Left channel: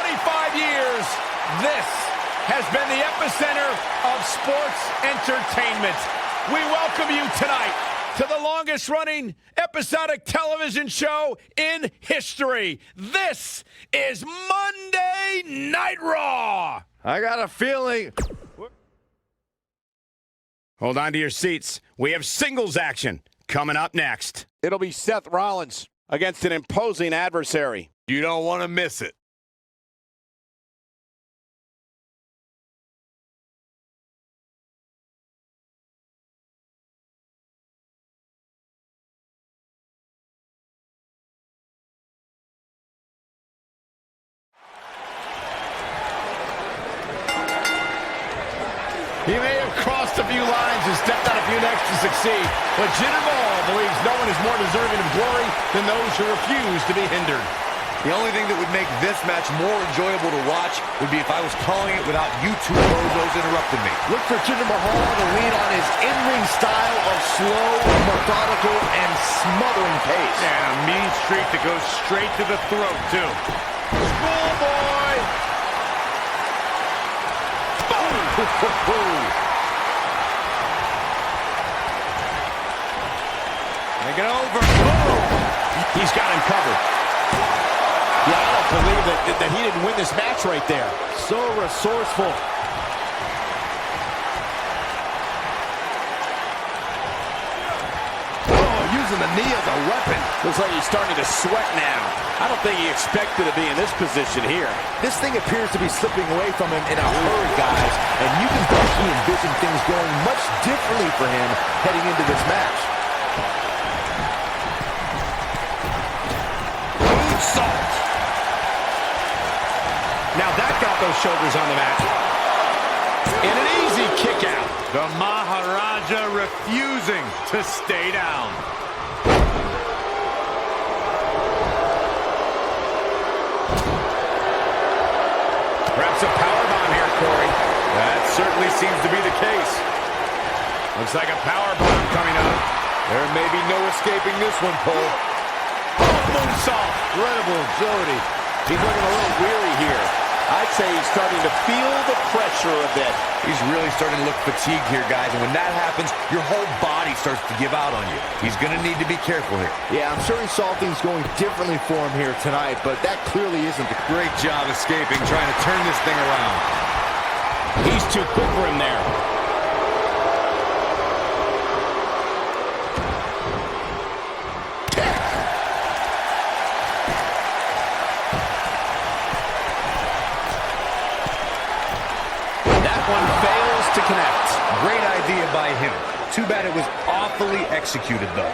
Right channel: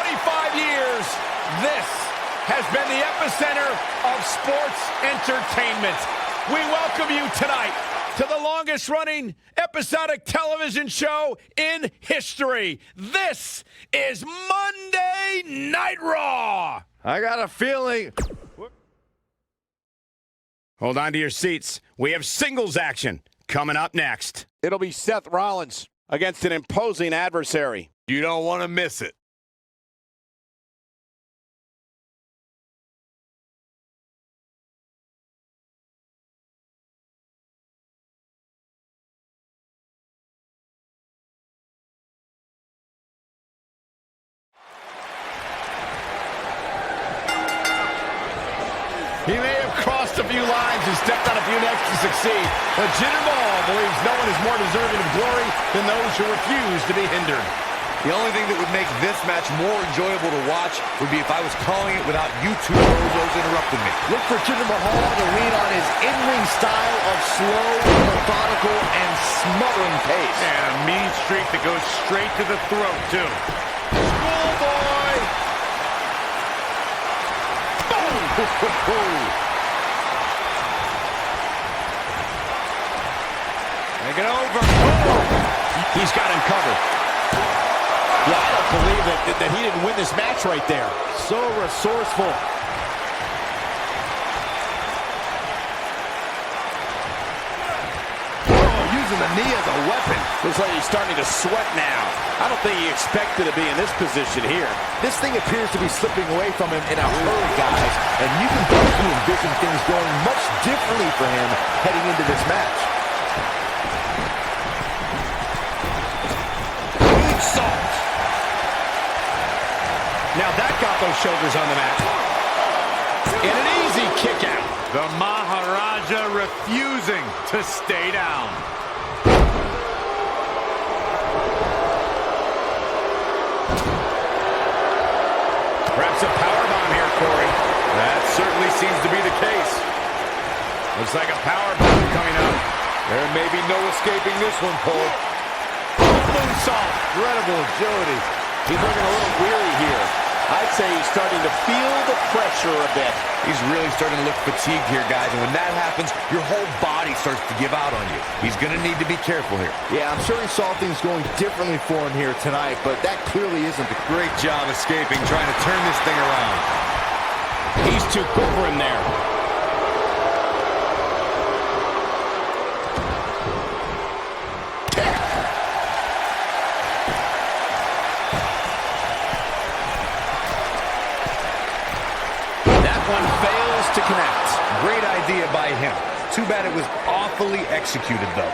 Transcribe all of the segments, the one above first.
25 years, this has been the epicenter of sports entertainment. We welcome you tonight to the longest-running episodic television show in history. This is Monday Night Raw. I got a feeling. Hold on to your seats. We have singles action coming up next. It'll be Seth Rollins against an imposing adversary. You don't want to miss it. He may have crossed a few lines and stepped on a few necks to succeed, but Jinder Mahal believes no one is more deserving of glory than those who refuse to be hindered. The only thing that would make this match more enjoyable to watch would be if I was calling it without you two bozos interrupting me. Look for Jinder Mahal to lean on his in-ring style of slow, methodical, and smothering pace. And a mean streak that goes straight to the throat, too. Schoolboy! Boom! Make it over. Boom! He's got him covered. Yeah, I don't believe that he didn't win this match right there. So resourceful. Oh, using the knee as a weapon. Looks like he's starting to sweat now. I don't think he expected to be in this position here. This thing appears to be slipping away from him in a hurry, guys. And you can bet he envisioned things going much differently for him heading into this match. Salt. Now that got those shoulders on the mat. And an easy kick out. The Maharaja refusing to stay down. Perhaps a powerbomb here, Corey. That certainly seems to be the case. Looks like a powerbomb coming up. There may be no escaping this one, Cole. Moonsault. Incredible agility. He's looking a little weary here. I'd say he's starting to feel the pressure a bit. He's really starting to look fatigued here, guys. And when that happens, your whole body starts to give out on you. He's going to need to be careful here. Yeah, I'm sure he saw things going differently for him here tonight, but that clearly isn't the Great job escaping, trying to turn this thing around. He's too quick for him there. One fails to connect. Great idea by him. Too bad it was awfully executed, though.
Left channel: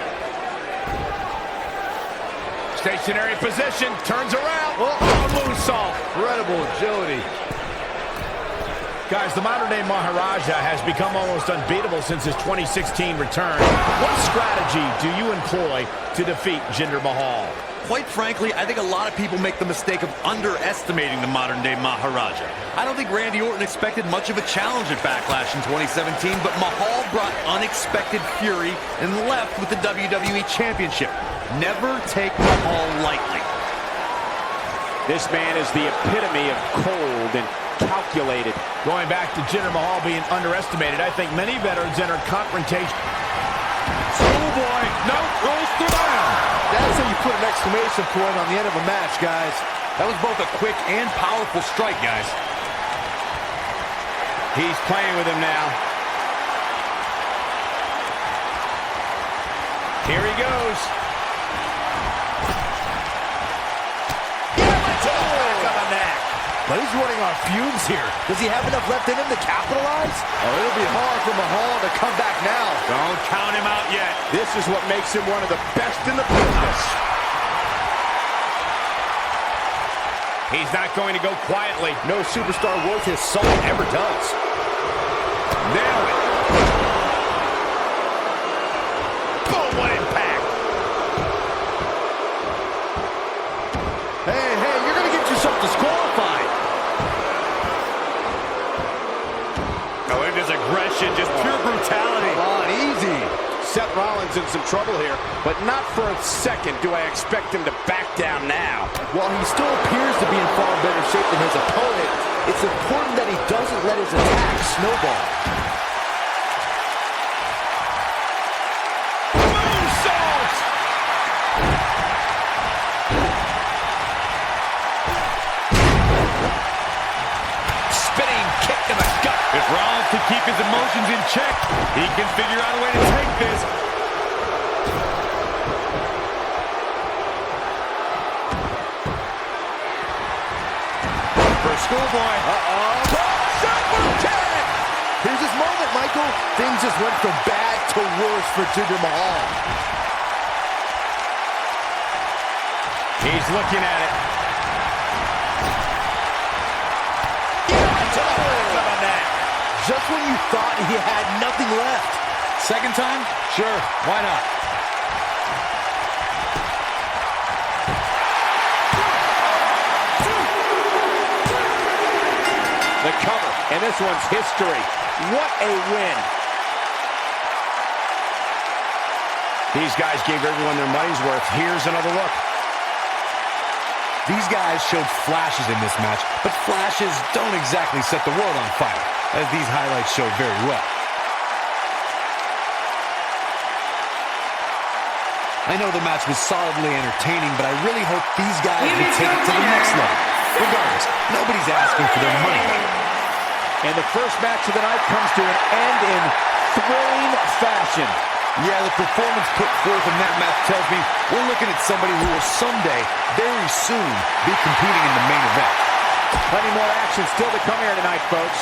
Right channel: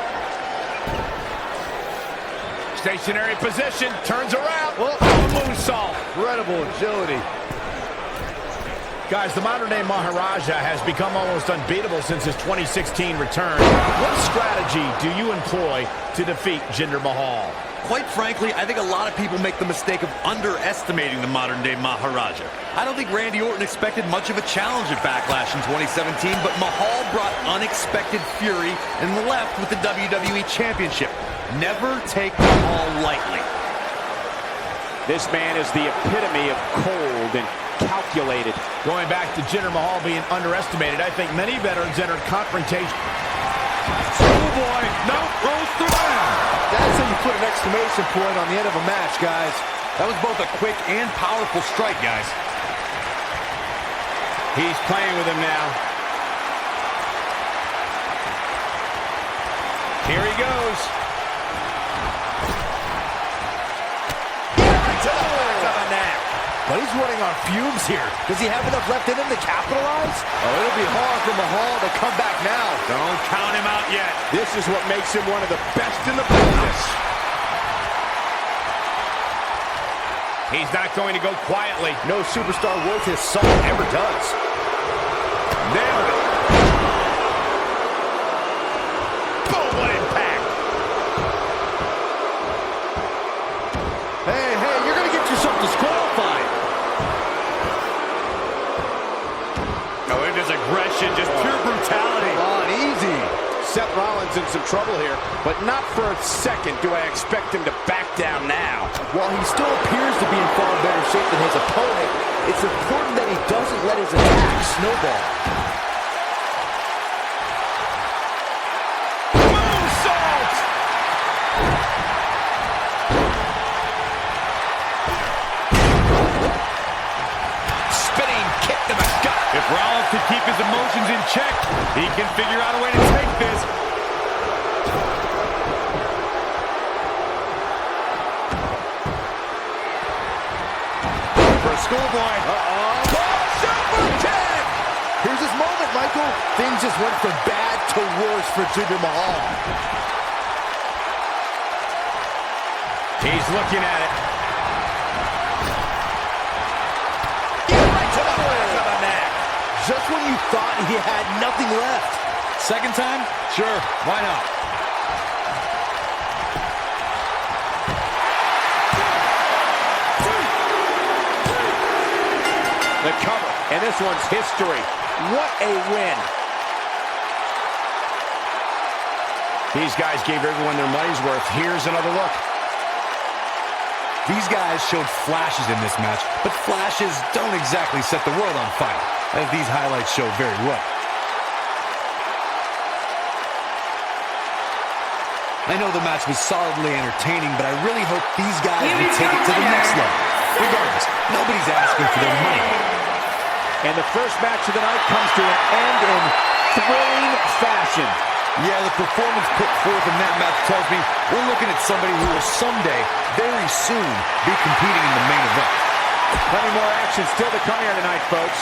Stationary position, turns around. Oh, moonsault. incredible agility. Guys, the modern-day Maharaja has become almost unbeatable since his 2016 return. What strategy do you employ to defeat Jinder Mahal? Quite frankly, I think a lot of people make the mistake of underestimating the modern-day Maharaja. I don't think Randy Orton expected much of a challenge at Backlash in 2017, but Mahal brought unexpected fury and left with the WWE Championship. Never take Mahal lightly. This man is the epitome of cold and calculated. Going back to Jinder Mahal being underestimated, I think many veterans enter confrontation. Schoolboy, no, rolls through them. That's how you put an exclamation point on the end of a match, guys. That was both a quick and powerful strike, guys. He's playing with him now. Here he goes. Right to the back of the neck. But he's running on fumes here. Does he have enough left in him to capitalize? Oh, it'll be hard for Mahal to come back now. Don't count him out yet. This is what makes him one of the best in the business. He's not going to go quietly. No superstar worth his salt ever does. Nailed it. Boom, what impact. Hey, you're going to get yourself disqualified. Oh, it is aggression, just pure brutality. Come on, easy. Seth Rollins in some trouble here, but not for a second do I expect him to back down now. While he still appears to be in far better shape than his opponent, it's important that he doesn't let his attack snowball. Moonsault! Spinning kick to the gut. If Rollins can keep his emotions in check, he can figure out a way to take this. For a schoolboy. Uh-oh. Super kick! Here's his moment, Michael. Things just went from bad to worse for Jinder Mahal. He's looking at it. Right to the back of the neck. Just when you thought he had nothing left. Second time? Sure, why not? The cover, and this one's history. What a win. These guys gave everyone their money's worth. Here's another look. These guys showed flashes in this match, but flashes don't exactly set the world on fire, as these highlights show very well. I know the match was solidly entertaining, but I really hope these guys will take it to the next level. Regardless, nobody's asking for their money. And the first match of the night comes to an end in thrilling fashion. Yeah, the performance put forth in that match tells me we're looking at somebody who will someday, very soon, be competing in the main event. Plenty more action still to come here tonight, folks.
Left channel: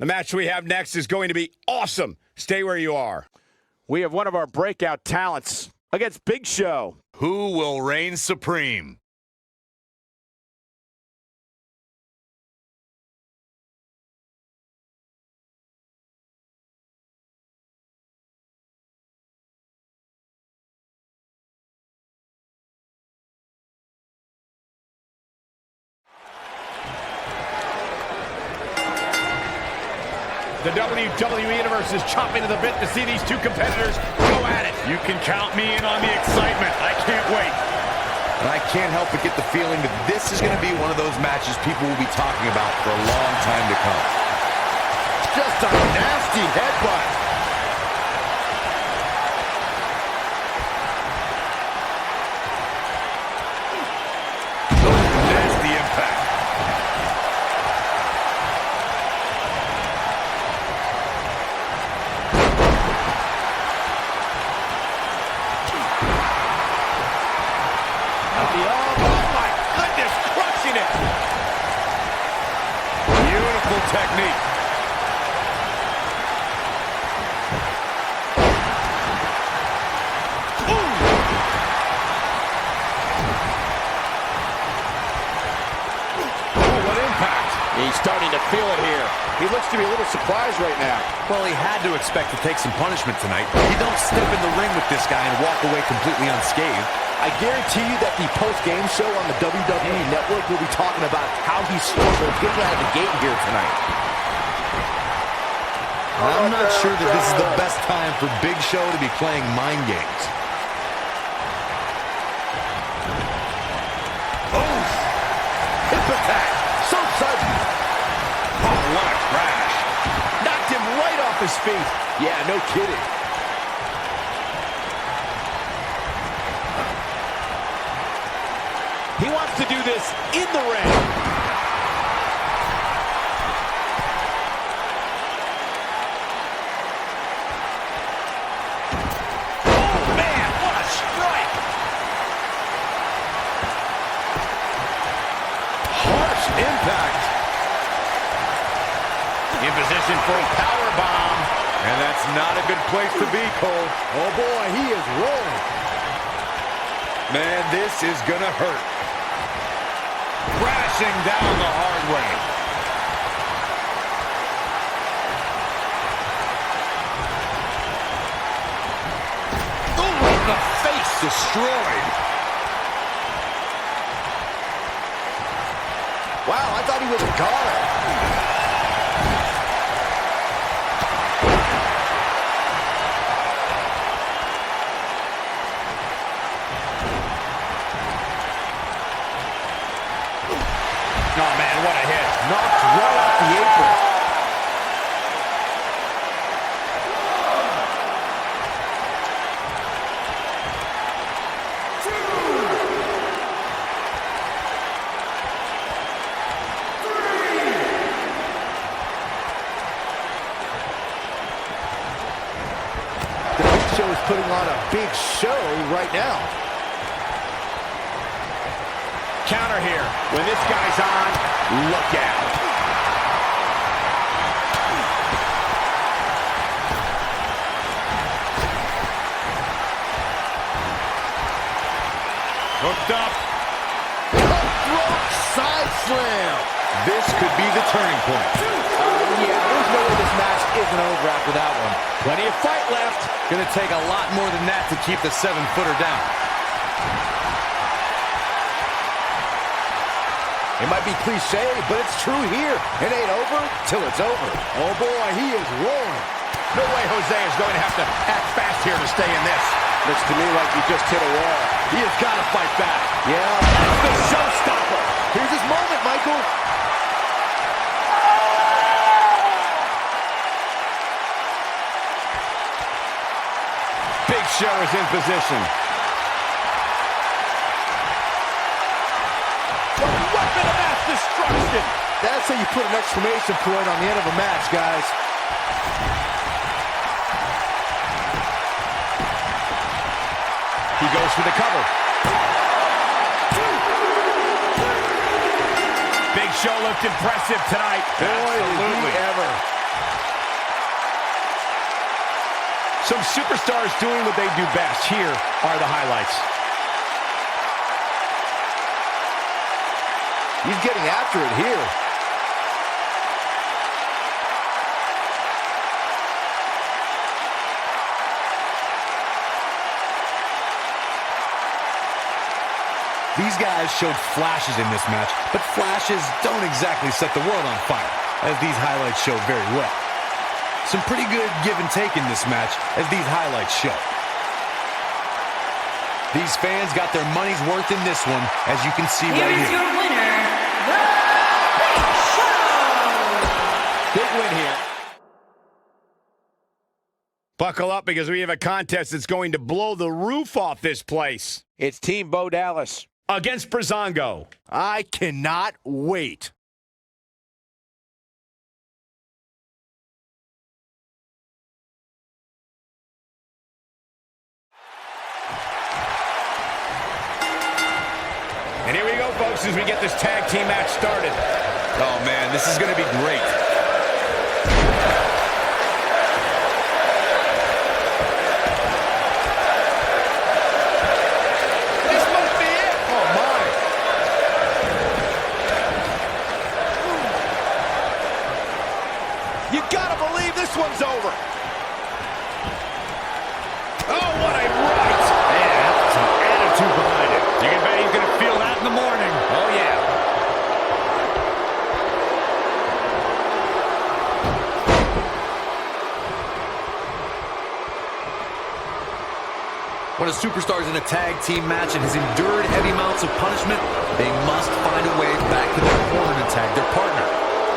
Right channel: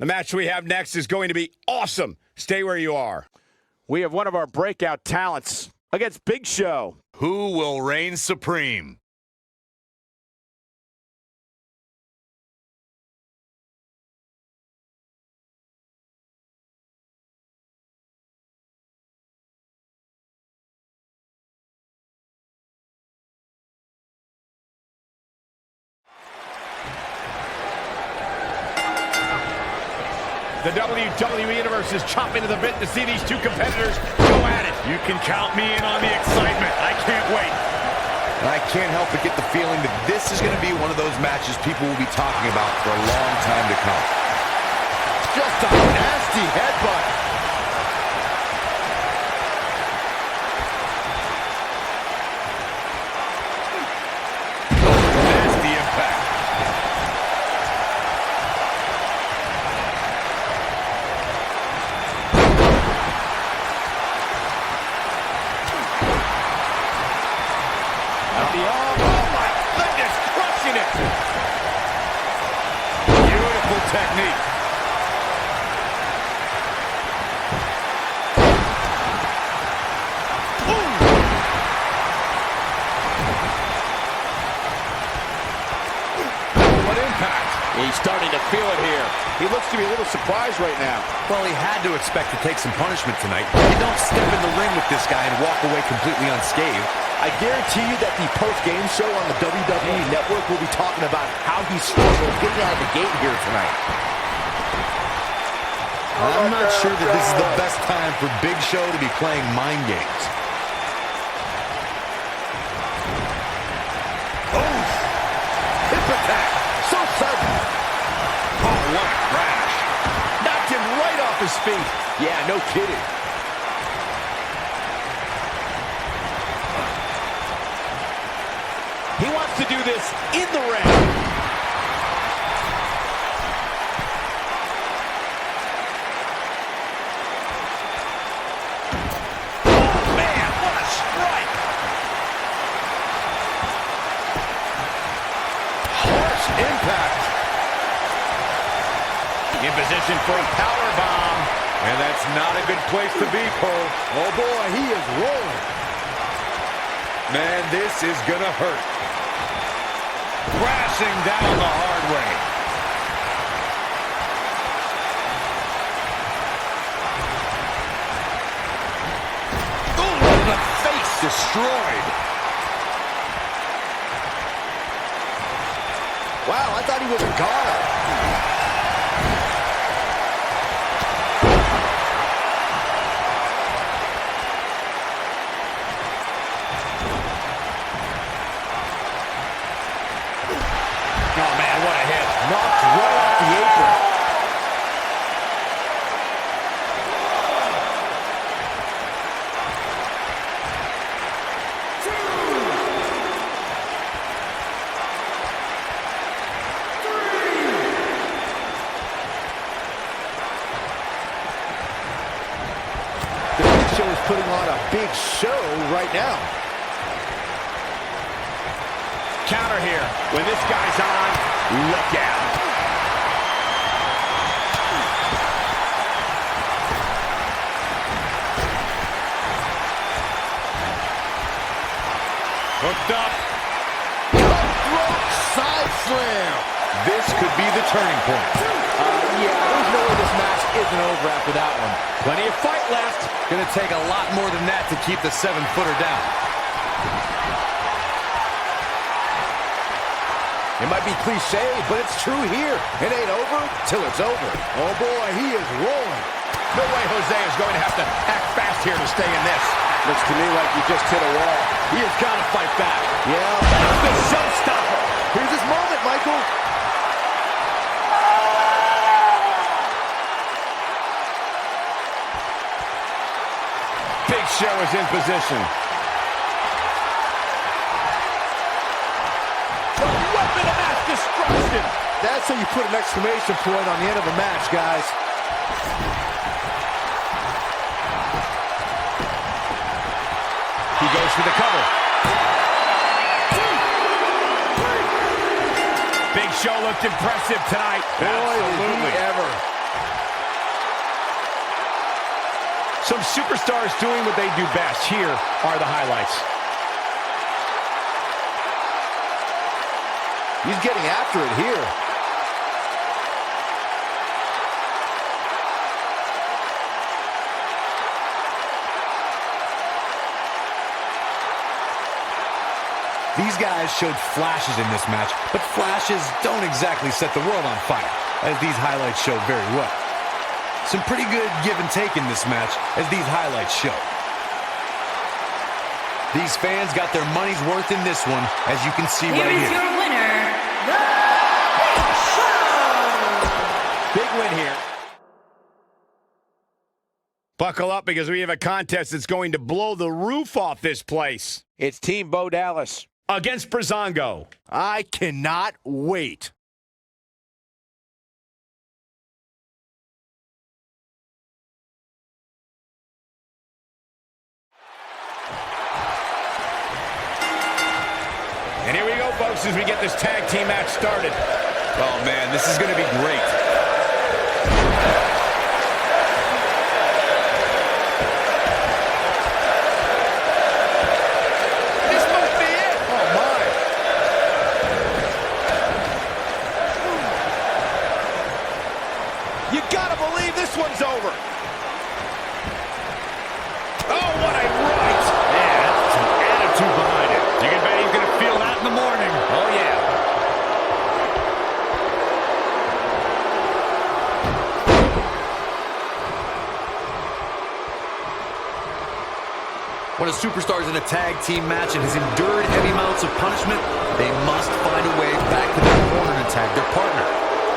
The match we have next is going to be awesome. Stay where you are. We have one of our breakout talents against Big Show. Who will reign supreme? The WWE Universe is chomping to the bit to see these two competitors go at it. You can count me in on the excitement. I can't wait. And I can't help but get the feeling that this is going to be one of those matches people will be talking about for a long time to come. Just a nasty headbutt. Nasty impact. Oh my goodness, crushing it. Beautiful technique. He's starting to feel it here. He looks to be a little surprised right now. Well, he had to expect to take some punishment tonight. You don't step in the ring with this guy and walk away completely unscathed. I guarantee you that the post-game show on the WWE Network will be talking about how he struggled getting out of the gate here tonight. I'm not sure that this is the best time for Big Show to be playing mind games. Oh, hip attack. So sudden. Oh, what a crash. Knocked him right off his feet. Yeah, no kidding. He wants to do this in the ring. Oh, man, what a strike. Harsh impact. In position for a power bomb. And that's not a good place to be, Cole. Oh, boy, he is rolling. Man, this is going to hurt. Crashing down the hard way. Ooh, the face Destroyed. Wow, I thought he was a goner. Oh, man, what a hit. Knocked right off the apron. The Big Show is putting on a big show right now. Counter here. When this guy's on, look out. Hooked up. Cutthroat side slam. This could be the turning point. Yeah, there's no way this match isn't over after that one. Plenty of fight left. Going to take a lot more than that to keep the 7-footer down. It might be cliche, but it's true here. It ain't over till it's over. Oh boy, he is rolling. No way Jose is going to have to act fast here to stay in this. Looks to me like he just hit a wall. He has got to fight back. Yeah, That's the showstopper. here's his moment, Michael. Big Show is in position. The weapon of mass destruction. That's how you put an exclamation point on the end of a match, guys. He goes for the cover. Big Show looked impressive tonight. Boy, did he ever. Some superstars doing what they do best. Here are the highlights. He's getting after it here. These guys showed flashes in this match, but flashes don't exactly set the world on fire, as these highlights show very well. Some pretty good give and take in this match, as these highlights show. These fans got their money's worth in this one, as you can see right here. Here is your winner, The Big Show! Big win here. Buckle up because we have a contest that's going to blow the roof off this place. It's Team Bo Dallas Against Breezango. I cannot wait. And here we go, folks, as we get this tag team match started. Oh, man, this is going to be great. This must be it. Oh, my. You gotta believe this one's over. Oh, what a right. Man, that's some attitude behind it. You can bet he's going to feel that in the morning. Oh, yeah. When a superstar is in a tag team match and has endured heavy amounts of punishment, they must find a way back to their corner to tag their partner.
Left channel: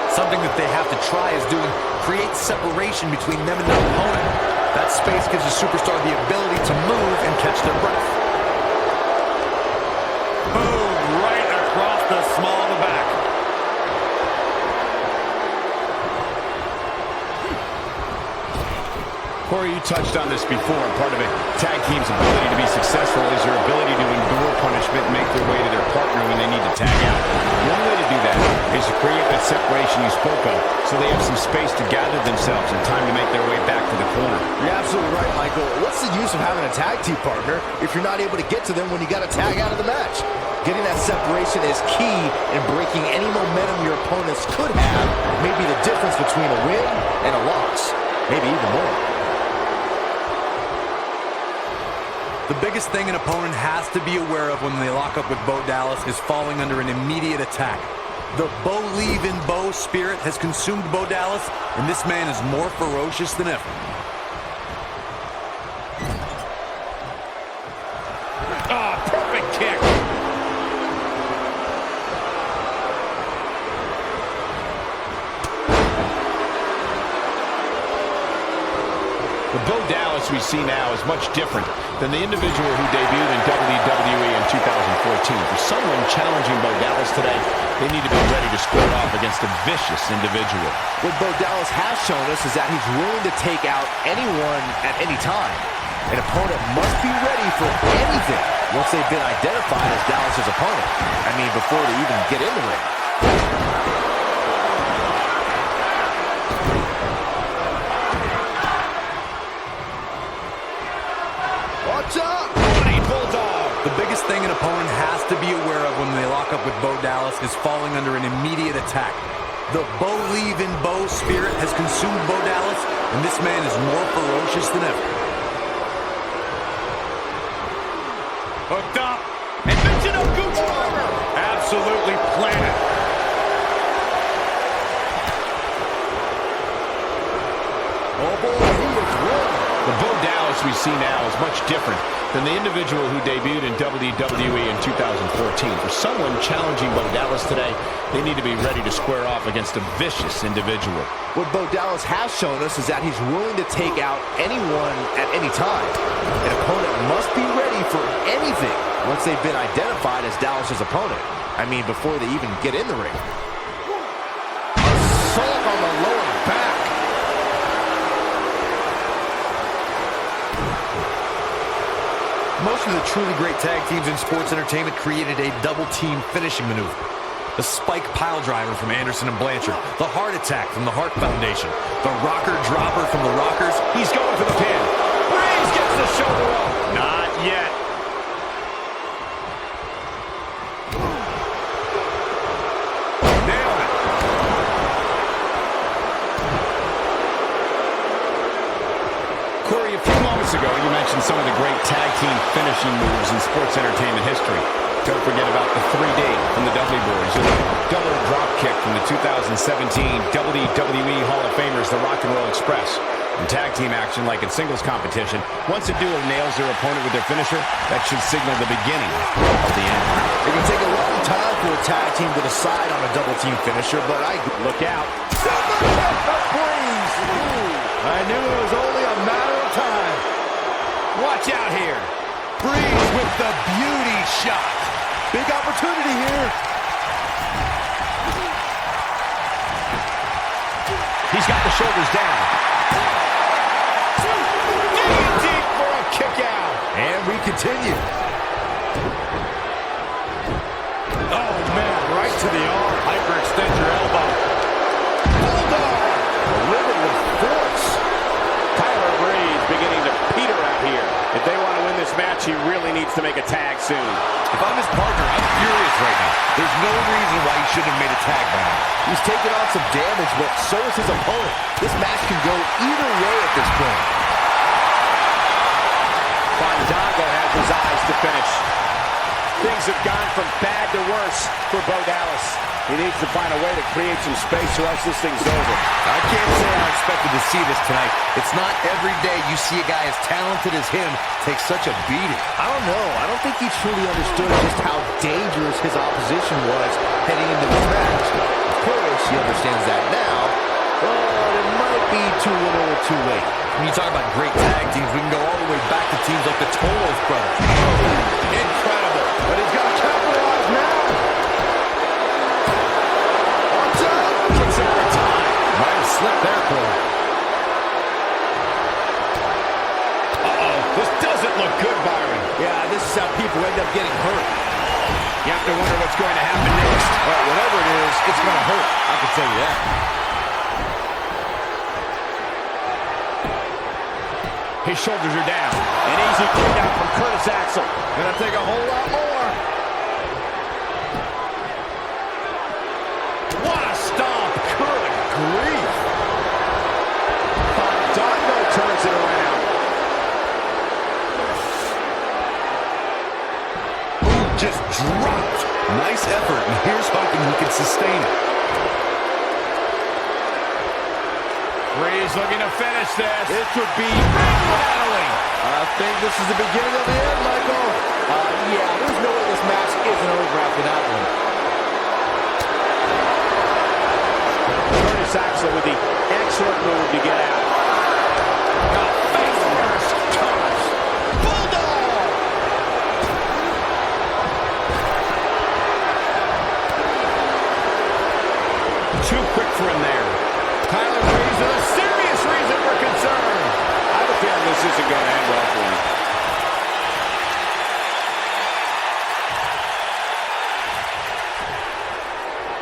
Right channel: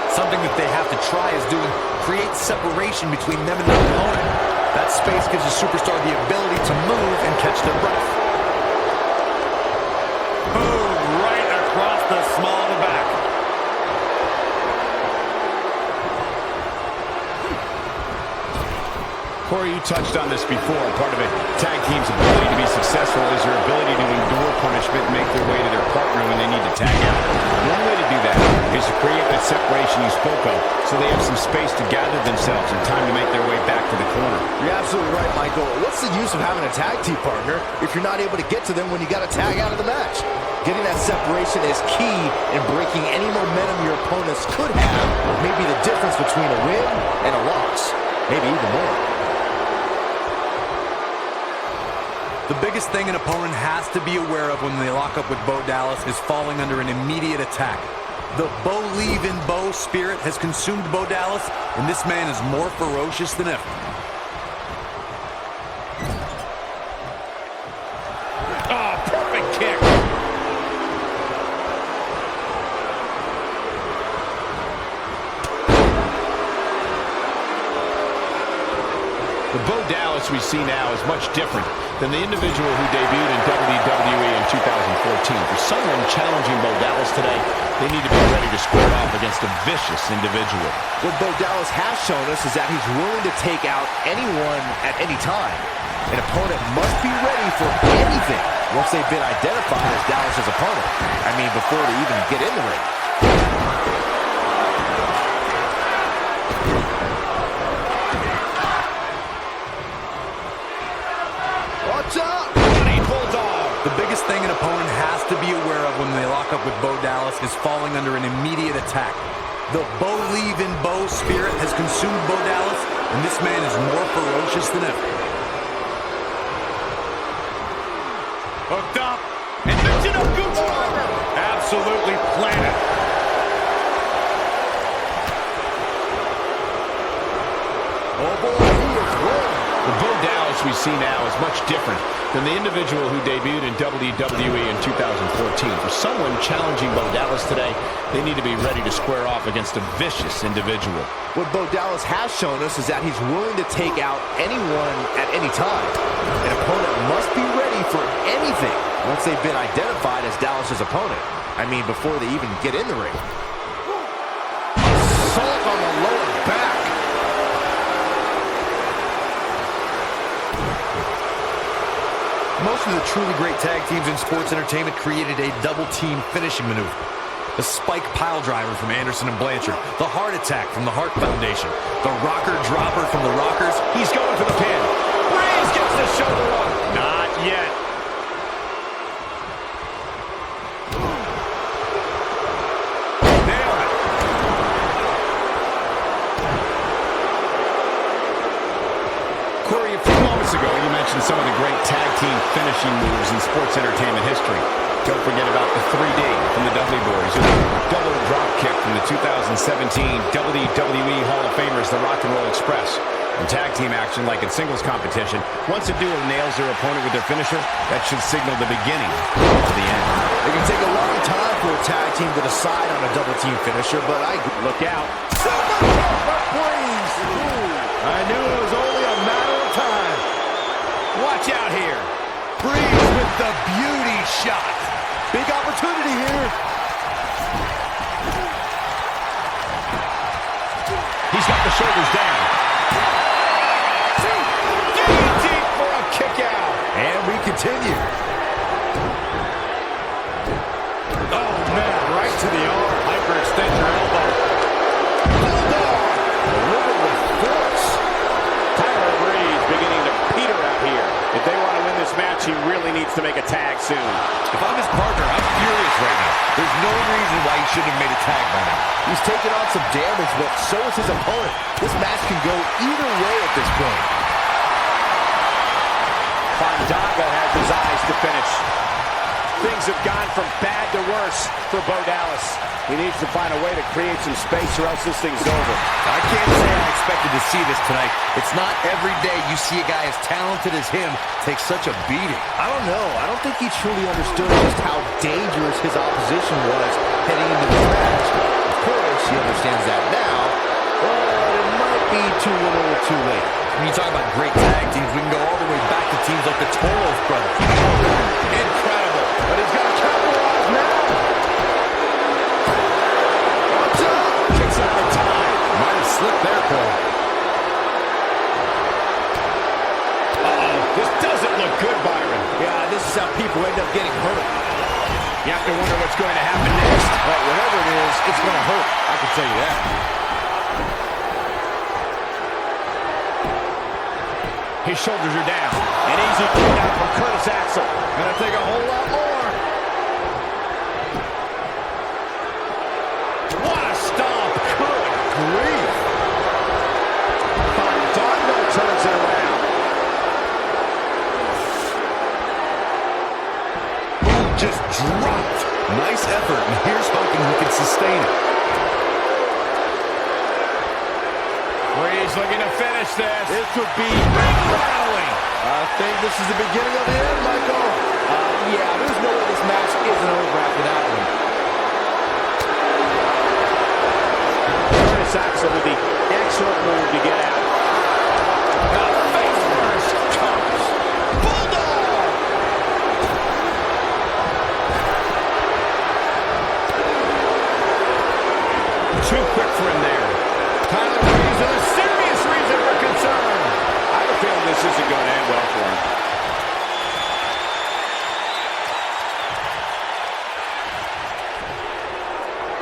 Something that they have to try is doing create separation between them and their opponent. That space gives a superstar the ability to move and catch their breath. Boom, right across the small of the back. Corey, you touched on this before. Part of a tag team's ability to be successful is their ability to endure punishment and make their way to their partner when they need to tag out. One way to do that is to create that separation you spoke of so they have some space to gather themselves and time to make their way back to the corner. You're absolutely right, Michael. What's the use of having a tag team partner if you're not able to get to them when you got to tag out of the match? Getting that separation is key in breaking any momentum your opponents could have. Maybe the difference between a win and a loss. Maybe even more. The biggest thing an opponent has to be aware of when they lock up with Bo Dallas is falling under an immediate attack. The Bo Leave in Bo spirit has consumed Bo Dallas, and this man is more ferocious than ever. Oh, perfect kick. What Bo Dallas we see now is much different than the individual who debuted in WWE in 2014. For someone challenging Bo Dallas today, they need to be ready to square off against a vicious individual. What Bo Dallas has shown us is that he's willing to take out anyone at any time. An opponent must be ready for anything once they've been identified as Dallas's opponent. I mean, before they even get in the ring. Watch out! Running Bulldog. The biggest thing an opponent has to be aware of when they lock up with Bo Dallas is falling under an immediate attack. The Bo leave in Bo spirit has consumed Bo Dallas, and this man is more ferocious than ever. Hooked up. And mention of Gooch Armor. Absolutely planted. Oh boy, he is rolling. The Bo Dallas we see now is much different than the individual who debuted in WWE in 2014. For someone challenging Bo Dallas today, they need to be ready to square off against a vicious individual. What Bo Dallas has shown us is that he's willing to take out anyone at any time. An opponent must be ready for anything once they've been identified as Dallas's opponent. I mean, before they even get in the ring. Assault on the lower back. Most of the truly great tag teams in sports entertainment created a double-team finishing maneuver. The spike pile driver from Anderson and Blanchard. The heart attack from the Hart Foundation. The rocker dropper from the Rockers. He's going for the pin. Breeze gets the shoulder up. Not yet. Nailed it. Corey, a few moments ago, you mentioned some of the great tag team finishing moves in sports entertainment history. Don't forget about the 3D from the Dudley Boys, or the double drop kick from the 2017 WWE Hall of Famers, the Rock and Roll Express. In tag team action, like in singles competition, once a duo nails their opponent with their finisher, that should signal the beginning of the end. It can take a long time for a tag team to decide on a double team finisher, but Look out. Super kick for Breeze. I knew it was only a matter of time. Watch out here. Breeze with the beauty shot. Big opportunity here. He's got the shoulders down. Deep for a kick out. And we continue. Oh, man, right to the arm. Hyperextend your elbow. Bulldog. Delivered with force. Tyler Breeze beginning to peter out here. If they want to win this match, he really needs to make a tag soon. If I'm his partner, I'm furious right now. There's no reason why he shouldn't have made a tag by now. He's taken on some damage, but so is his opponent. This match can go either way at this point. Fandango has his eyes to finish. Things have gone from bad to worse for Bo Dallas. He needs to find a way to create some space or else this thing's over. I can't say I expected to see this tonight. It's not every day you see a guy as talented as him take such a beating. I don't know. I don't think he truly understood just how dangerous his opposition was heading into this match. Of course, he understands that now, but it might be too little or too late. When you talk about great tag teams, we can go all the way back to teams like the Tolos brothers. Incredible. But he's got to capitalize now. Watch out! Kicks out in time. Might have slipped there, Cole. Uh-oh. This doesn't look good, Byron. Yeah, this is how people end up getting hurt. You have to wonder what's going to happen next. Well, whatever it is, it's going to hurt. I can tell you that. His shoulders are down. An easy kick out from Curtis Axel. Gonna take a whole lot more. What a stomp. Good grief. Fandango turns it around. Ooh, just dropped. Nice effort, and here's hoping he can sustain it. Breeze looking to finish this. This would be Rattling. I think this is the beginning of the end, Michael. Yeah, there's no way this match isn't over after that one. Curtis Axel with the excellent move to get out. A face too quick for him there. Tyler Breeze with a serious reason for concern. I have a feeling this isn't going to end well for him.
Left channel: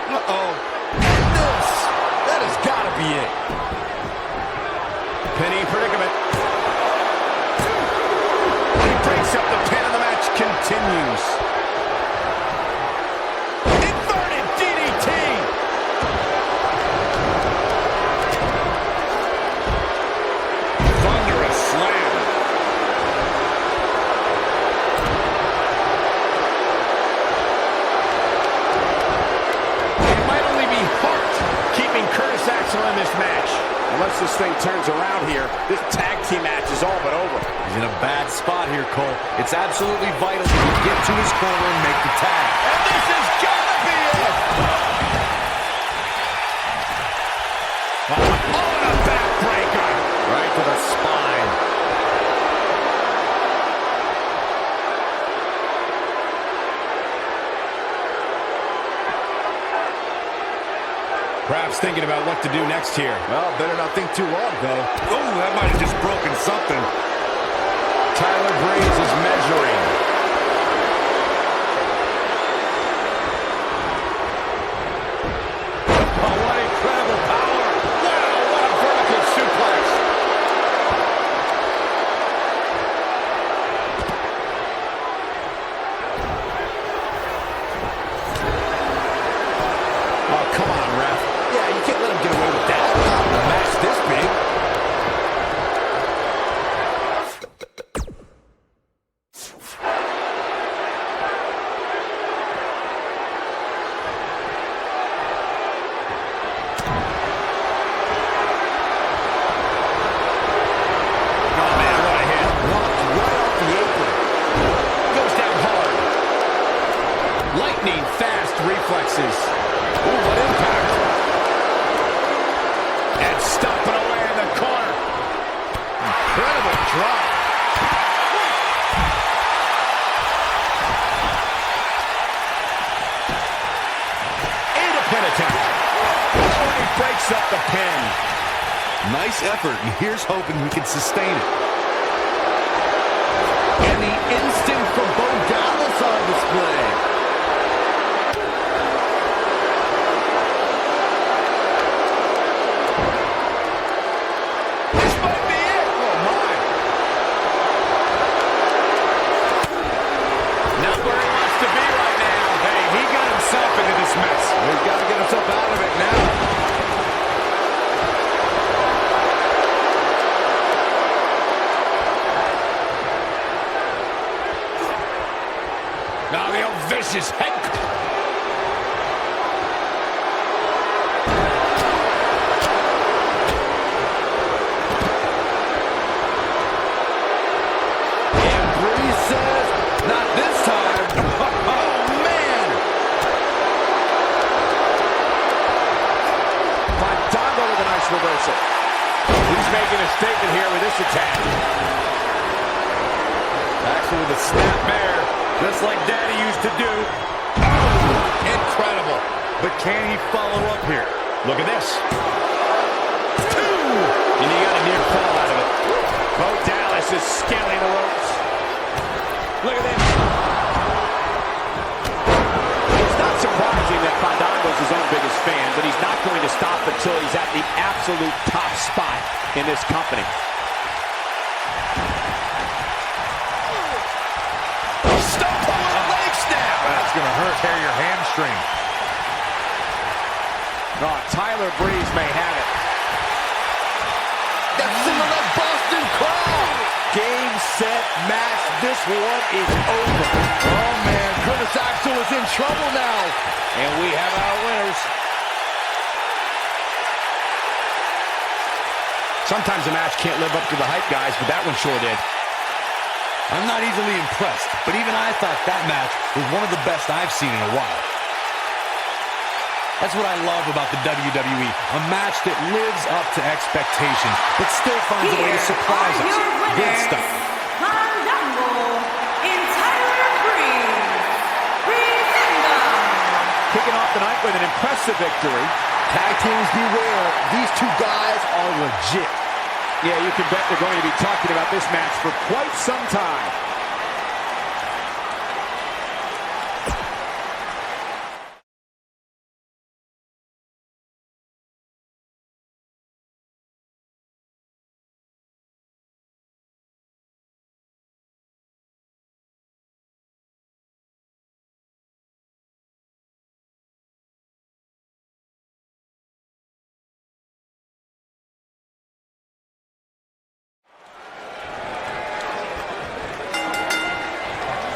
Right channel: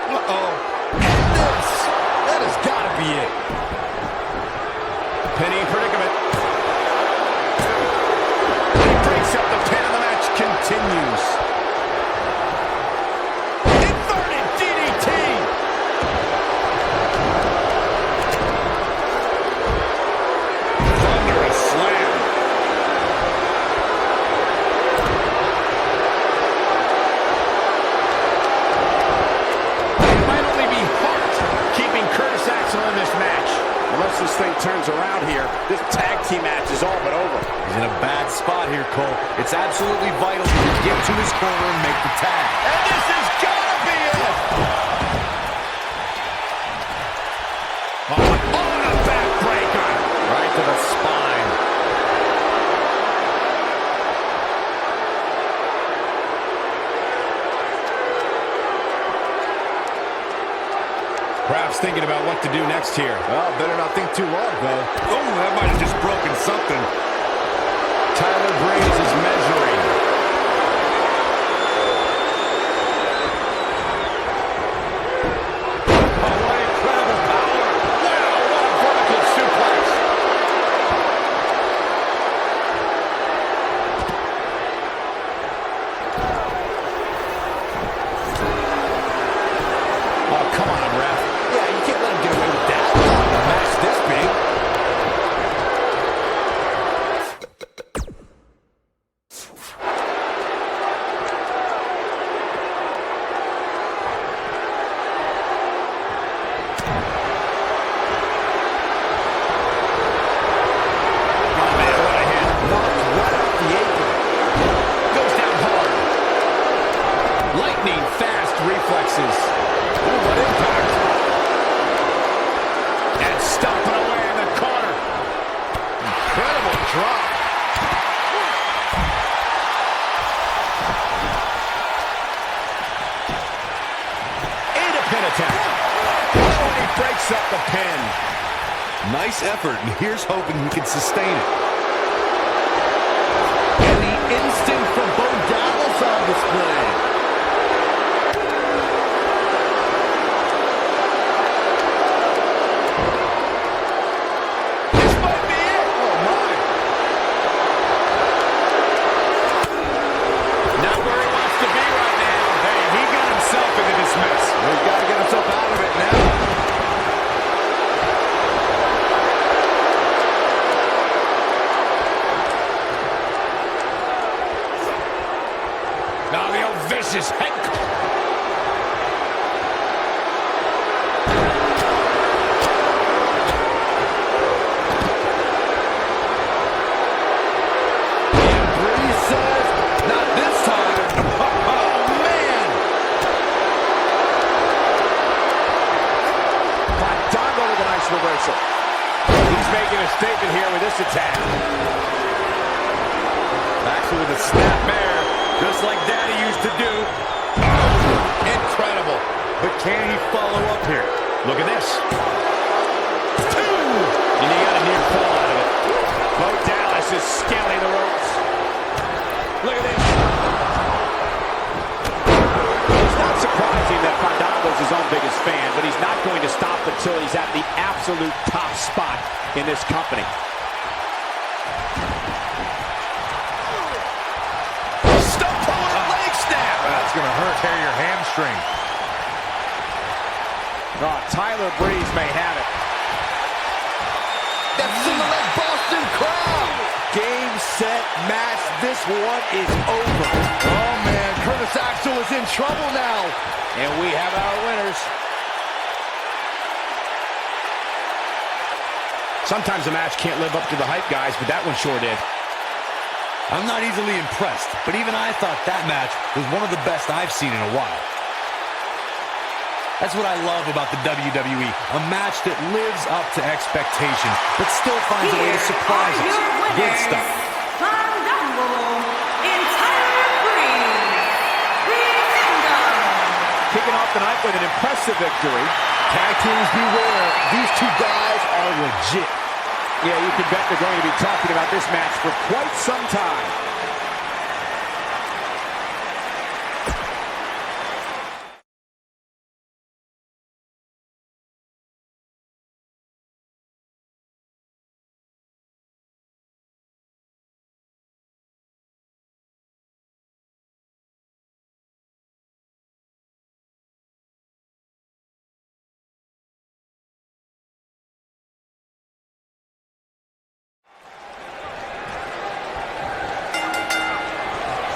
Uh-oh. And this. That has got to be it. Penny predicament. He breaks up the pin and the match continues. Inverted DDT. Thunderous slam. It might only be heart keeping Curtis Axel in this match. Unless this thing turns around here, this tag team match is all but over. He's in a bad spot here, Cole. It's absolutely vital that you get to his corner and make the tag. And this has got to be it. Oh, and a backbreaker. Right to the spine. Perhaps thinking about what to do next here. Well, better not think too long, though. Oh, that might have just broken something. Tyler Breeze is measuring. Oh, what incredible power. Wow, what a vertical suplex. Oh, come on, ref. Yeah, you can't let him get away with that. A match this big. Oh, man, what a hit. Knocked right off the apron. Goes down hard. Lightning fast reflexes. Ooh, what impact. And stomping away in the corner. Incredible drop. And a pin attempt. Oh, and he breaks up the pin. Nice effort, and here's hoping he can sustain it. And the instinct from Bo Dallas on display. This might be it. Oh, my. Not where he wants to be right now. Hey, he got himself into this mess. He's got to get himself out of it now. Now the old vicious head. And Breeze says, not this time. Oh, man. Fandango with a nice reversal. He's making a statement here with this attack. Axel with a snapmare, just like Daddy used to do. Oh, incredible. But can he follow up here? Look at this. Two. And he got a near fall out of it. Bo Dallas is scaling the ropes. Look at this. It's not surprising that Fandango's his own biggest fan, but he's not going to stop until he's at the absolute top spot in this company. Stump with a leg snap. That's going to hurt. Tear your hamstring. Oh, Tyler Breeze may have it. That's in the left Boston crowd. Game, set, match. This one is over. Oh, man. Curtis Axel is in trouble now. And we have our winners. Sometimes a match can't live up to the hype, guys, but that one sure did. I'm not easily impressed, but even I thought that match was one of the best I've seen in a while. That's what I love about the WWE, a match that lives up to expectations, but still finds a way to surprise us. Good stuff. Fandango and Tyler Breeze. Breeze. Kicking off the night with an impressive victory. Tag teams beware. These two guys are legit. Yeah, you can bet they're going to be talking about this match for quite some time.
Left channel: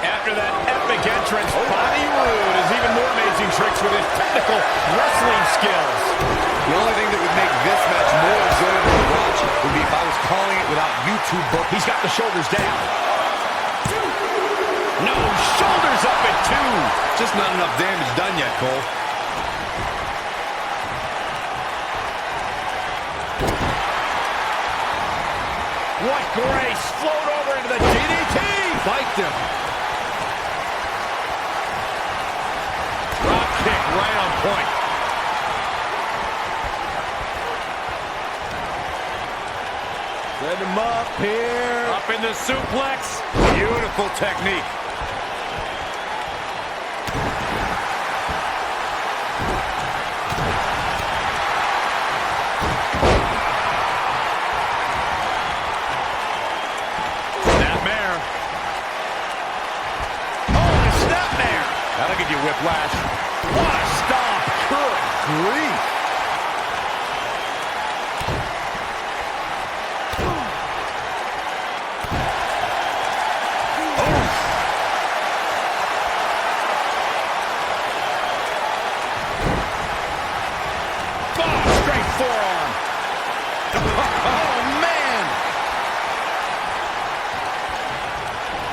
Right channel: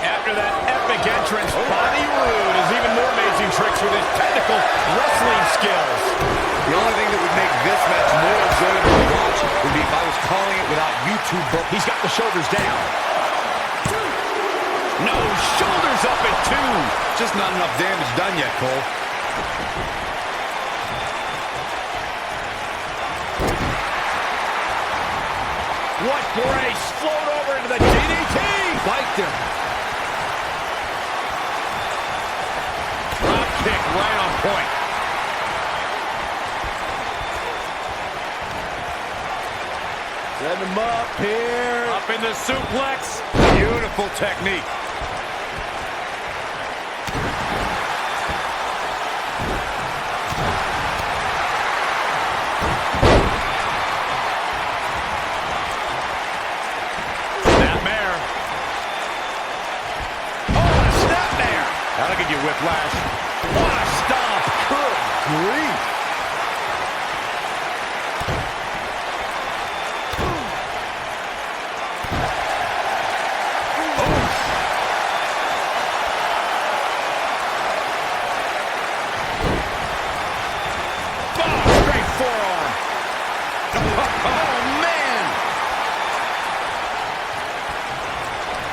After that epic entrance, Bobby Roode has even more amazing tricks with his technical wrestling skills. The only thing that would make this match more enjoyable to watch would be if I was calling it without YouTube book. He's got the shoulders down. No, shoulders up at 2. Just not enough damage done yet, Cole. What grace! Float over into the DDT! Spiked him. Drop kick right on point. Set him up here. Up in the suplex. Beautiful technique. Snapmare. Oh, and a snapmare. That'll give you whiplash. What a stomp. Good grief. Straight forearm. Oh, man.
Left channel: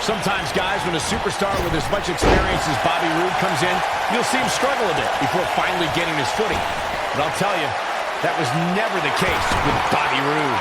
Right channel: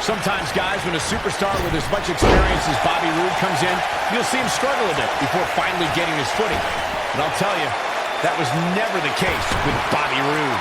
Sometimes, guys, when a superstar with as much experience as Bobby Roode comes in, you'll see him struggle a bit before finally getting his footing. But I'll tell you, that was never the case with Bobby Roode.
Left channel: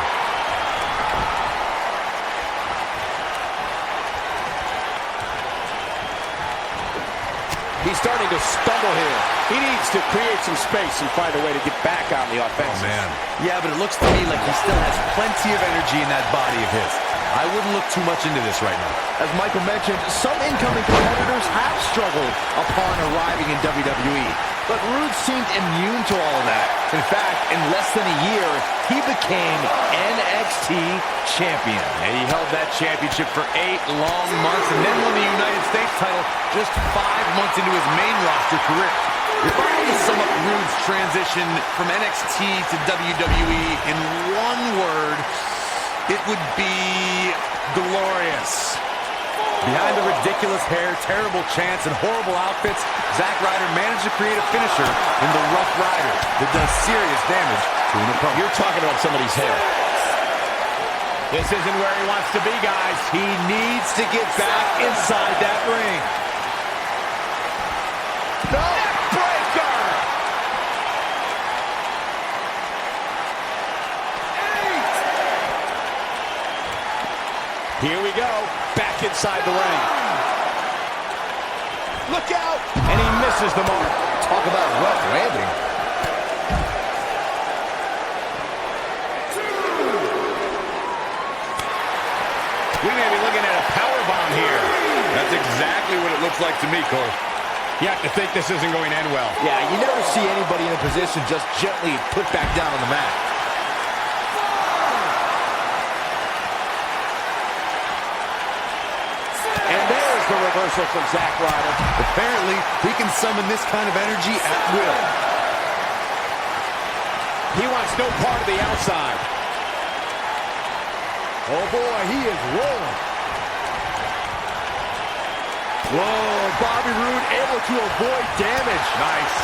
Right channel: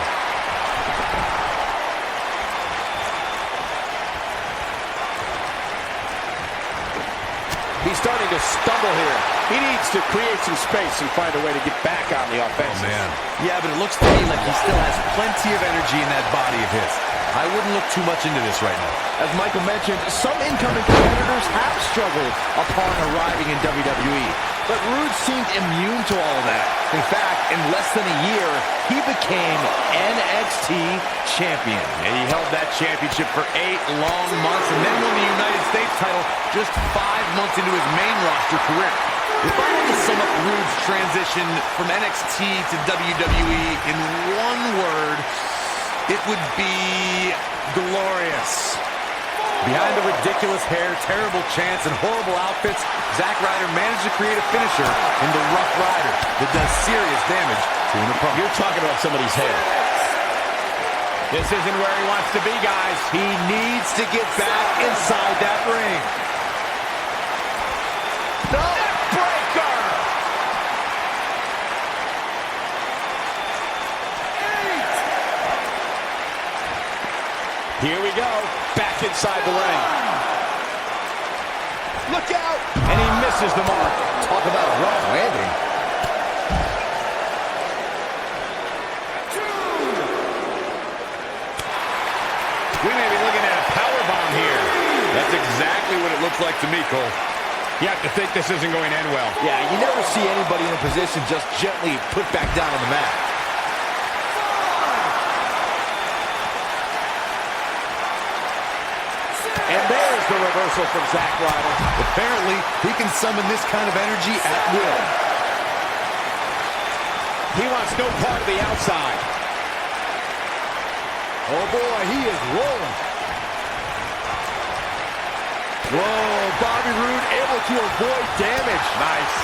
He's starting to stumble here. He needs to create some space and find a way to get back on the offense. Oh, man. Yeah, but it looks to me like he still has plenty of energy in that body of his. I wouldn't look too much into this right now. As Michael mentioned, some incoming competitors have struggled upon arriving in WWE, but Roode seemed immune to all of that. In fact, in less than a year, he became NXT champion. And he held that championship for 8 long months and then won the United States title just 5 months into his main roster career. If I had to sum up Roode's transition from NXT to WWE in one word, it would be glorious. Behind the ridiculous hair, terrible chants, and horrible outfits, Zack Ryder managed to create a finisher in the Rough Rider that does serious damage to an opponent. You're talking about somebody's hair. This isn't where he wants to be, guys. He needs to get back inside that ring. No! Neckbreaker! Here we go. Back inside the ring. Look out! And he misses the mark. Talk about a rough landing. We may be looking at a powerbomb here. That's exactly what it looks like to me, Cole. You have to think this isn't going to end well. Yeah, you never see anybody in a position just gently put back down on the mat. And there's the reversal from Zack Ryder. Apparently, he can summon this kind of energy at will. He wants no part of the outside. Oh boy, he is rolling. Whoa, Bobby Roode able to avoid damage. Nice.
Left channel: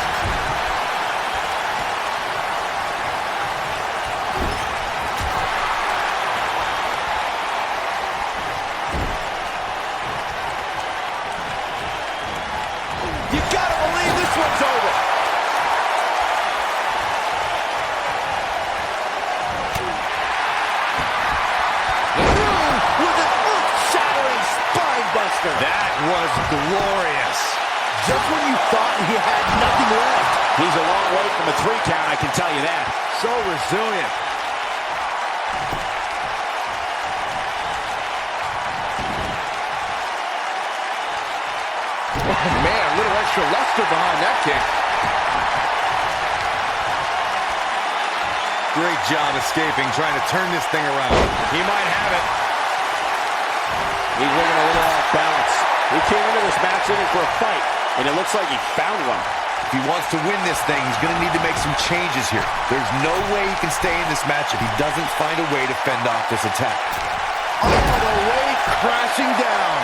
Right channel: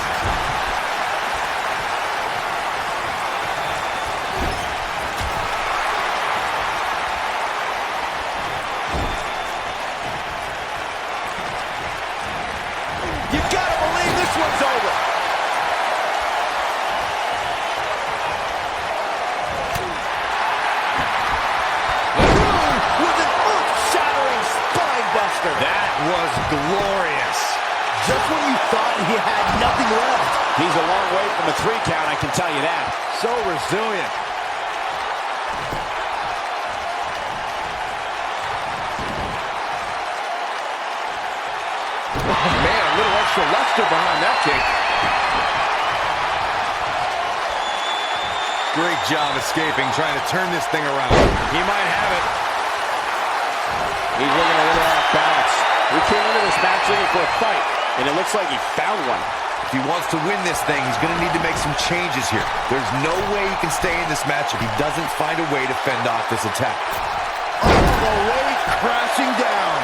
You gotta believe this one's over. Roode with an earth-shattering spine buster. That was glorious. Just when you thought he had nothing left, He's a long way from a 3 count, I can tell you that. So resilient. Oh, man, a little extra luster behind that kick. Great job escaping, trying to turn this thing around. He might have it. He's looking a little off balance. He came into this match looking for a fight, and it looks like he found one. If he wants to win this thing, he's going to need to make some changes here. There's no way he can stay in this match if he doesn't find a way to fend off this attack. All the way crashing down.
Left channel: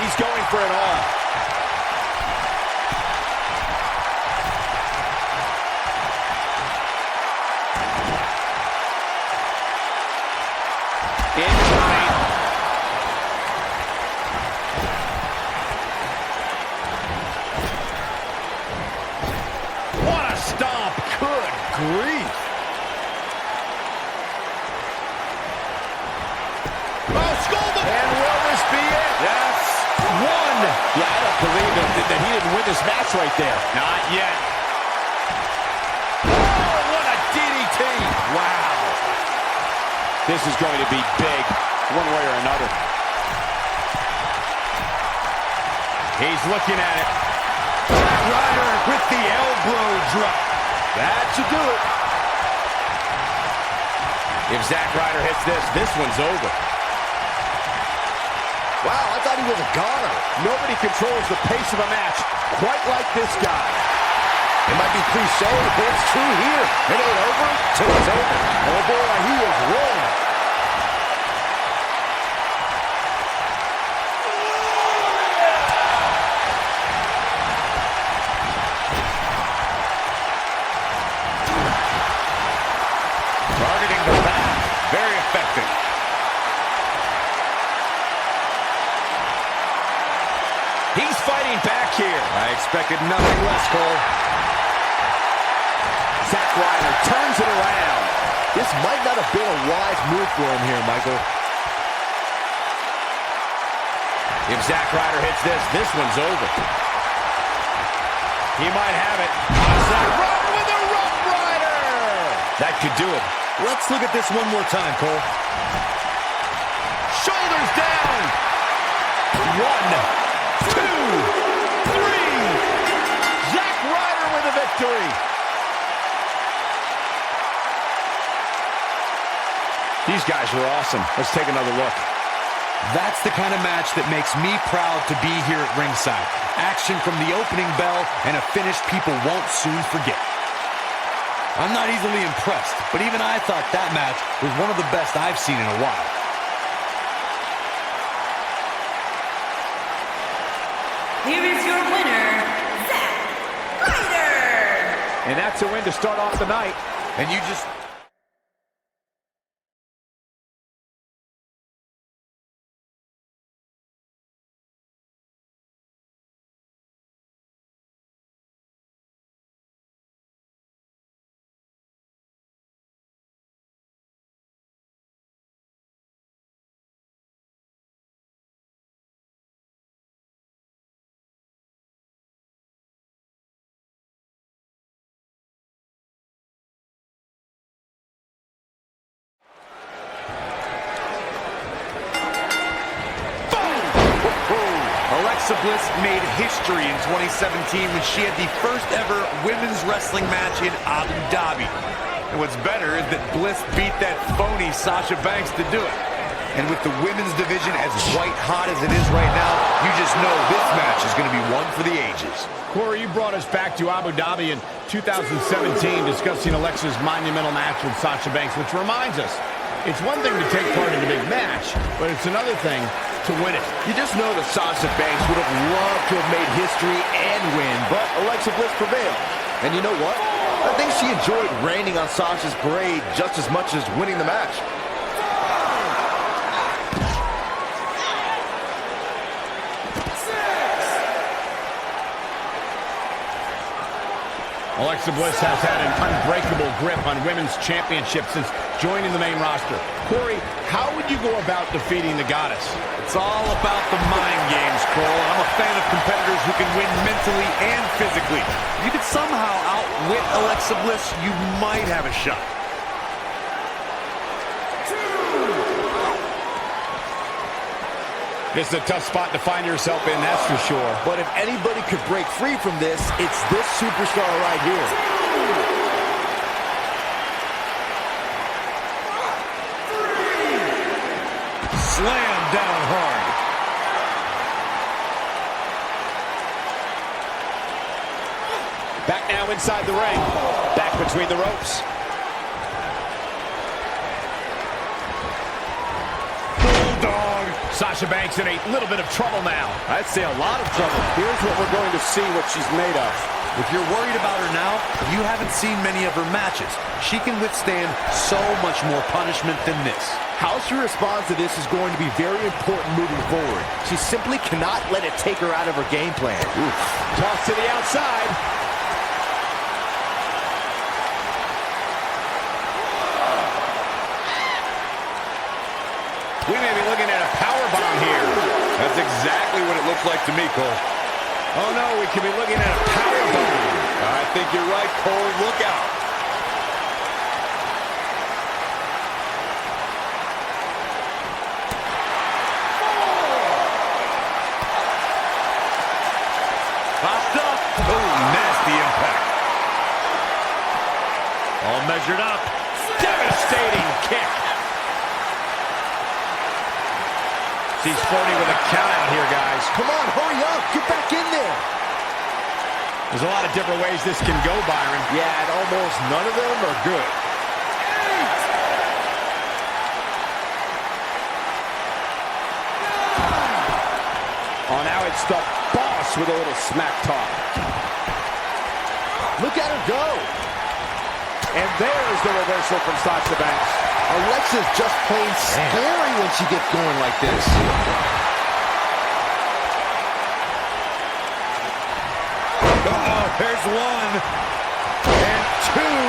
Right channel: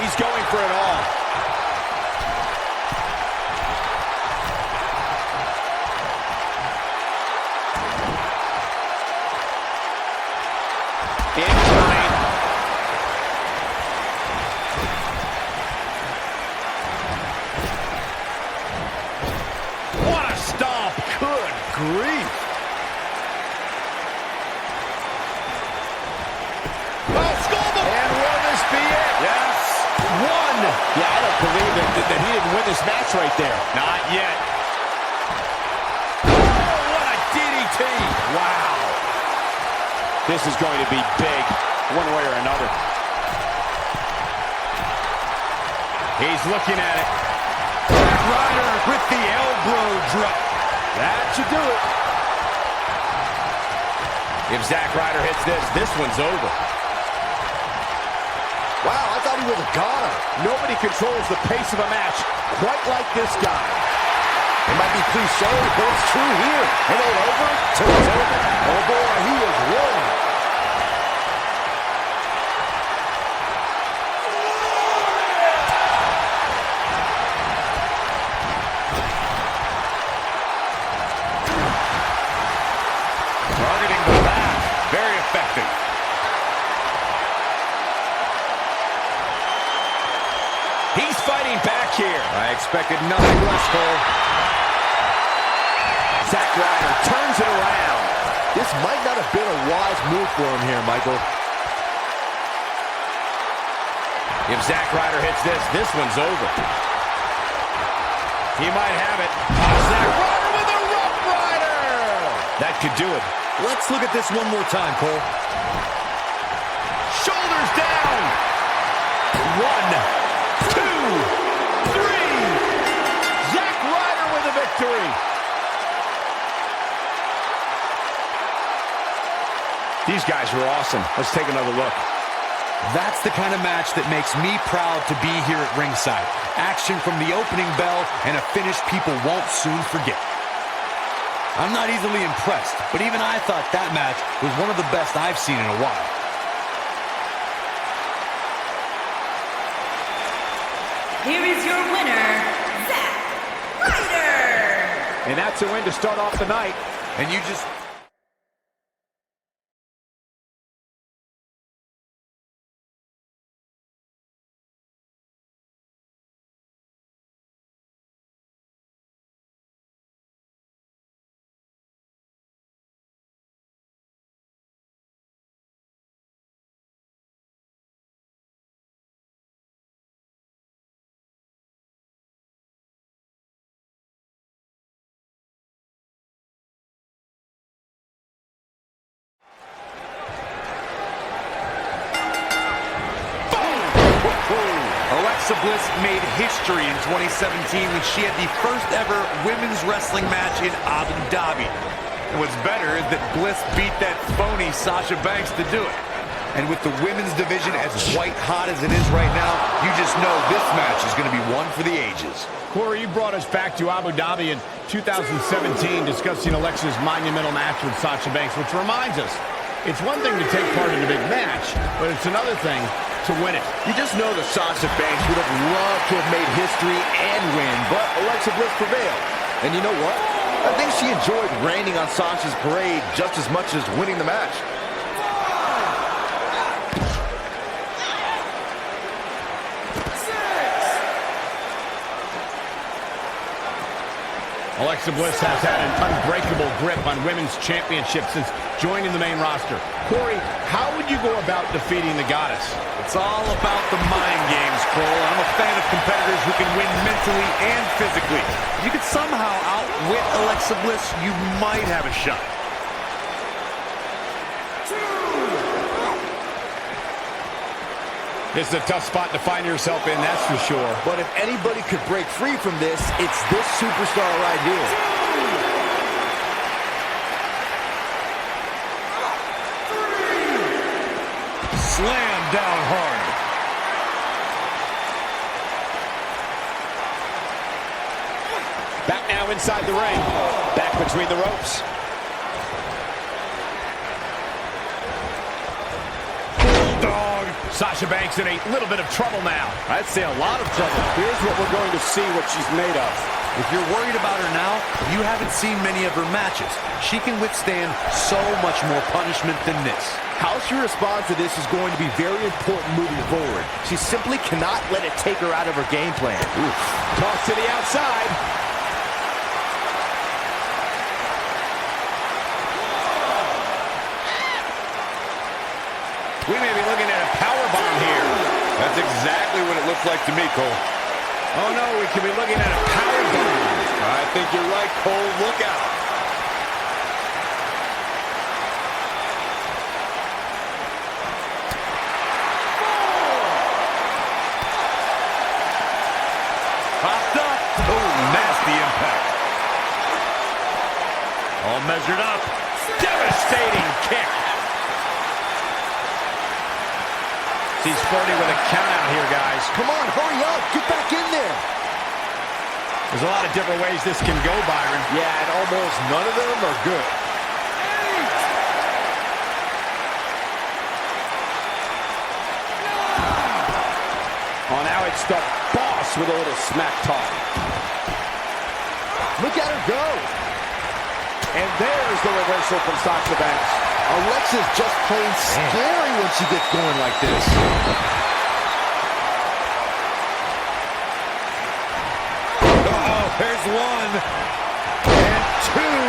He's going for it all. Incoming. What a stomp. Good grief. Oh, Skull. And will this be it? Yes. One. Yeah, I don't believe that he didn't win this match right there. Not yet. Oh, what a DDT. Wow. This is going to be big, one way or another. He's looking at it. Zack Ryder with the elbow drop. That should do it. If Zack Ryder hits this, this one's over. Wow, I thought he was a goner. Nobody controls the pace of a match quite like this guy. It might be cliche, but it's true here. It ain't over till it's over. Oh boy, he is rolling. Targeting the back. Very effective. He's fighting back here. I expected nothing less, Cole. Zack Ryder turns it around. This might not have been a wise move for him here, Michael. If Zack Ryder hits this, this one's over. He might have it. Zack Ryder with a Rough Rider. That could do it. Let's look at this one more time, Cole. Shoulders down. 1, 2, 3. Zack Ryder with a victory. These guys were awesome. Let's take another look. That's the kind of match that makes me proud to be here at ringside. Action from the opening bell and a finish people won't soon forget. I'm not easily impressed, but even I thought that match was one of the best I've seen in a while. Here is your winner, Zack Ryder. And that's a win to start off the night. And you just... Alexa Bliss made history in 2017 when she had the first ever women's wrestling match in Abu Dhabi. And what's better is that Bliss beat that phony Sasha Banks to do it. And with the women's division as white hot as it is right now, you just know this match is going to be one for the ages. Corey, you brought us back to Abu Dhabi in 2017 discussing Alexa's monumental match with Sasha Banks, which reminds us, it's one thing to take part in a big match, but it's another thing to win it. You just know that Sasha Banks would have loved to have made history and win, but Alexa Bliss prevailed. And you know what? I think she enjoyed raining on Sasha's parade just as much as winning the match. Alexa Bliss has had an unbreakable grip on women's championships since joining the main roster. Corey, how would you go about defeating the goddess? It's all about the mind games, Cole. I'm a fan of competitors who can win mentally and physically. If you could somehow outwit Alexa Bliss, you might have a shot. This is a tough spot to find yourself in, that's for sure. But if anybody could break free from this, it's this superstar right here. Slam down hard. Back now inside the ring. Back between the ropes. Bulldog. Sasha Banks in a little bit of trouble now. I'd say a lot of trouble. Here's what we're going to see what she's made of. If you're worried about her now, you haven't seen many of her matches. She can withstand so much more punishment than this. How she responds to this is going to be very important moving forward. She simply cannot let it take her out of her game plan. Oof. Toss to the outside. We may be looking at a power bomb here. That's exactly what it looked like to me, Cole. Oh no, we could be looking at a power bomb. I think you're right, Cole. Look out. Popped up. Oh, nasty impact. All measured up. Devastating kick. She's flirting with a count out here, guys. Come on, hurry up. Get back in there. There's a lot of different ways this can go, Byron. Yeah, and almost none of them are good. Oh, now it's the boss with a little smack talk. Look at her go. And there's the reversal from Sasha Banks. Alexa's just plain scary when she gets going like this. Uh-oh, there's one. And two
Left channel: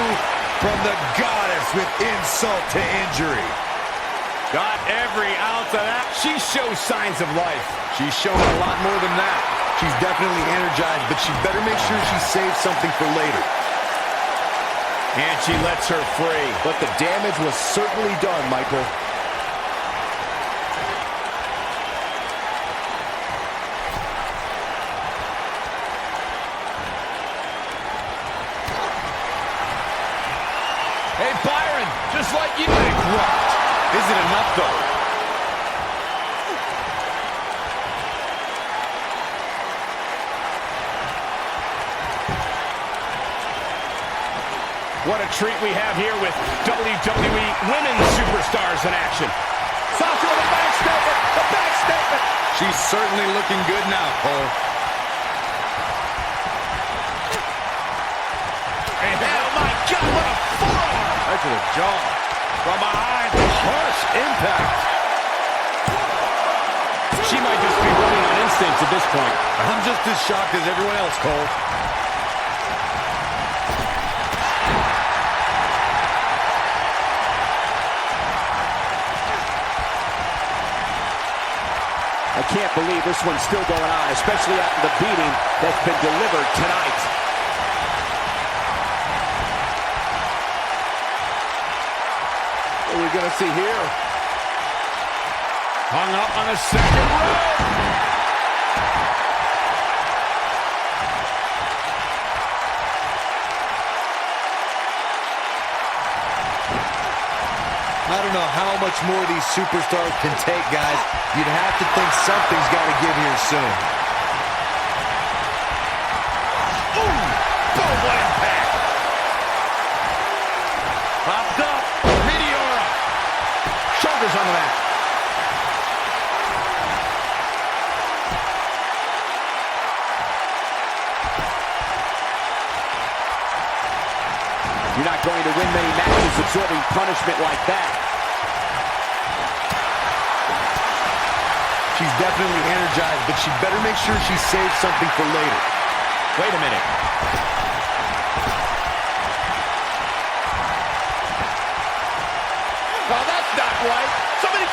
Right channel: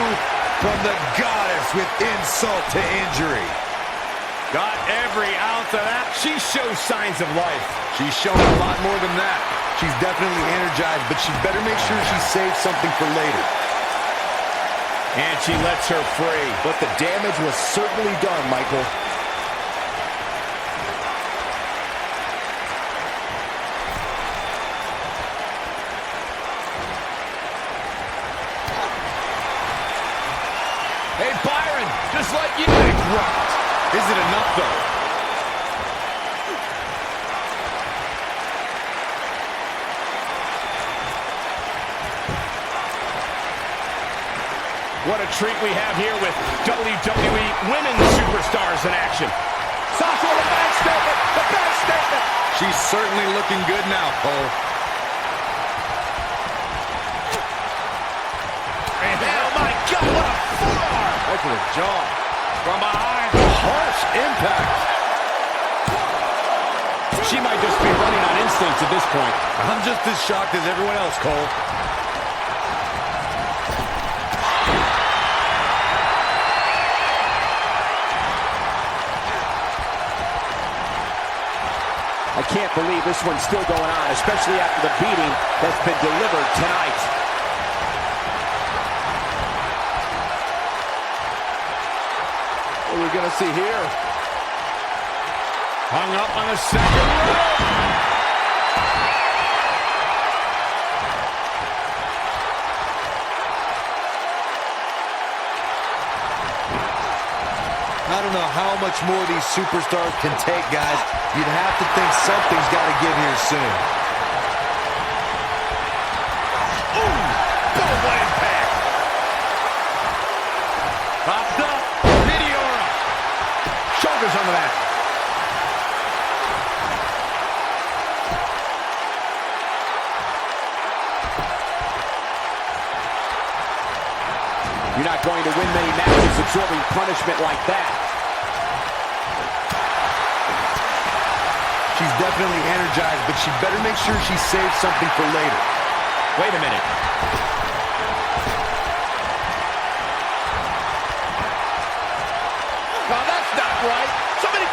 from the goddess with insult to injury. Got every ounce of that. She shows signs of life. She's shown a lot more than that. She's definitely energized, but she better make sure she saves something for later. And she lets her free. But the damage was certainly done, Michael. Hey, Byron, just like you. Bankrupt. Is it enough, though? What a treat we have here with WWE women's superstars in action. Sasha with a back statement. The back statement. She's certainly looking good now, Cole. And, oh, my God, what a forearm. Right to the jaw. From behind. Harsh impact. She might just be running on instinct at this point. I'm just as shocked as everyone else, Cole. I can't believe this one's still going on, especially after the beating that's been delivered tonight. What are we going to see here? Hung up on the second rope. I don't know how much more these superstars can take, guys. You'd have to think something's got to give here soon. Ooh, boom, what impact. Popped up. Meteora. Shoulders on the mat. You're not going to win many matches absorbing punishment like that. She's definitely energized, but she better make sure she saves something for later. Wait a minute.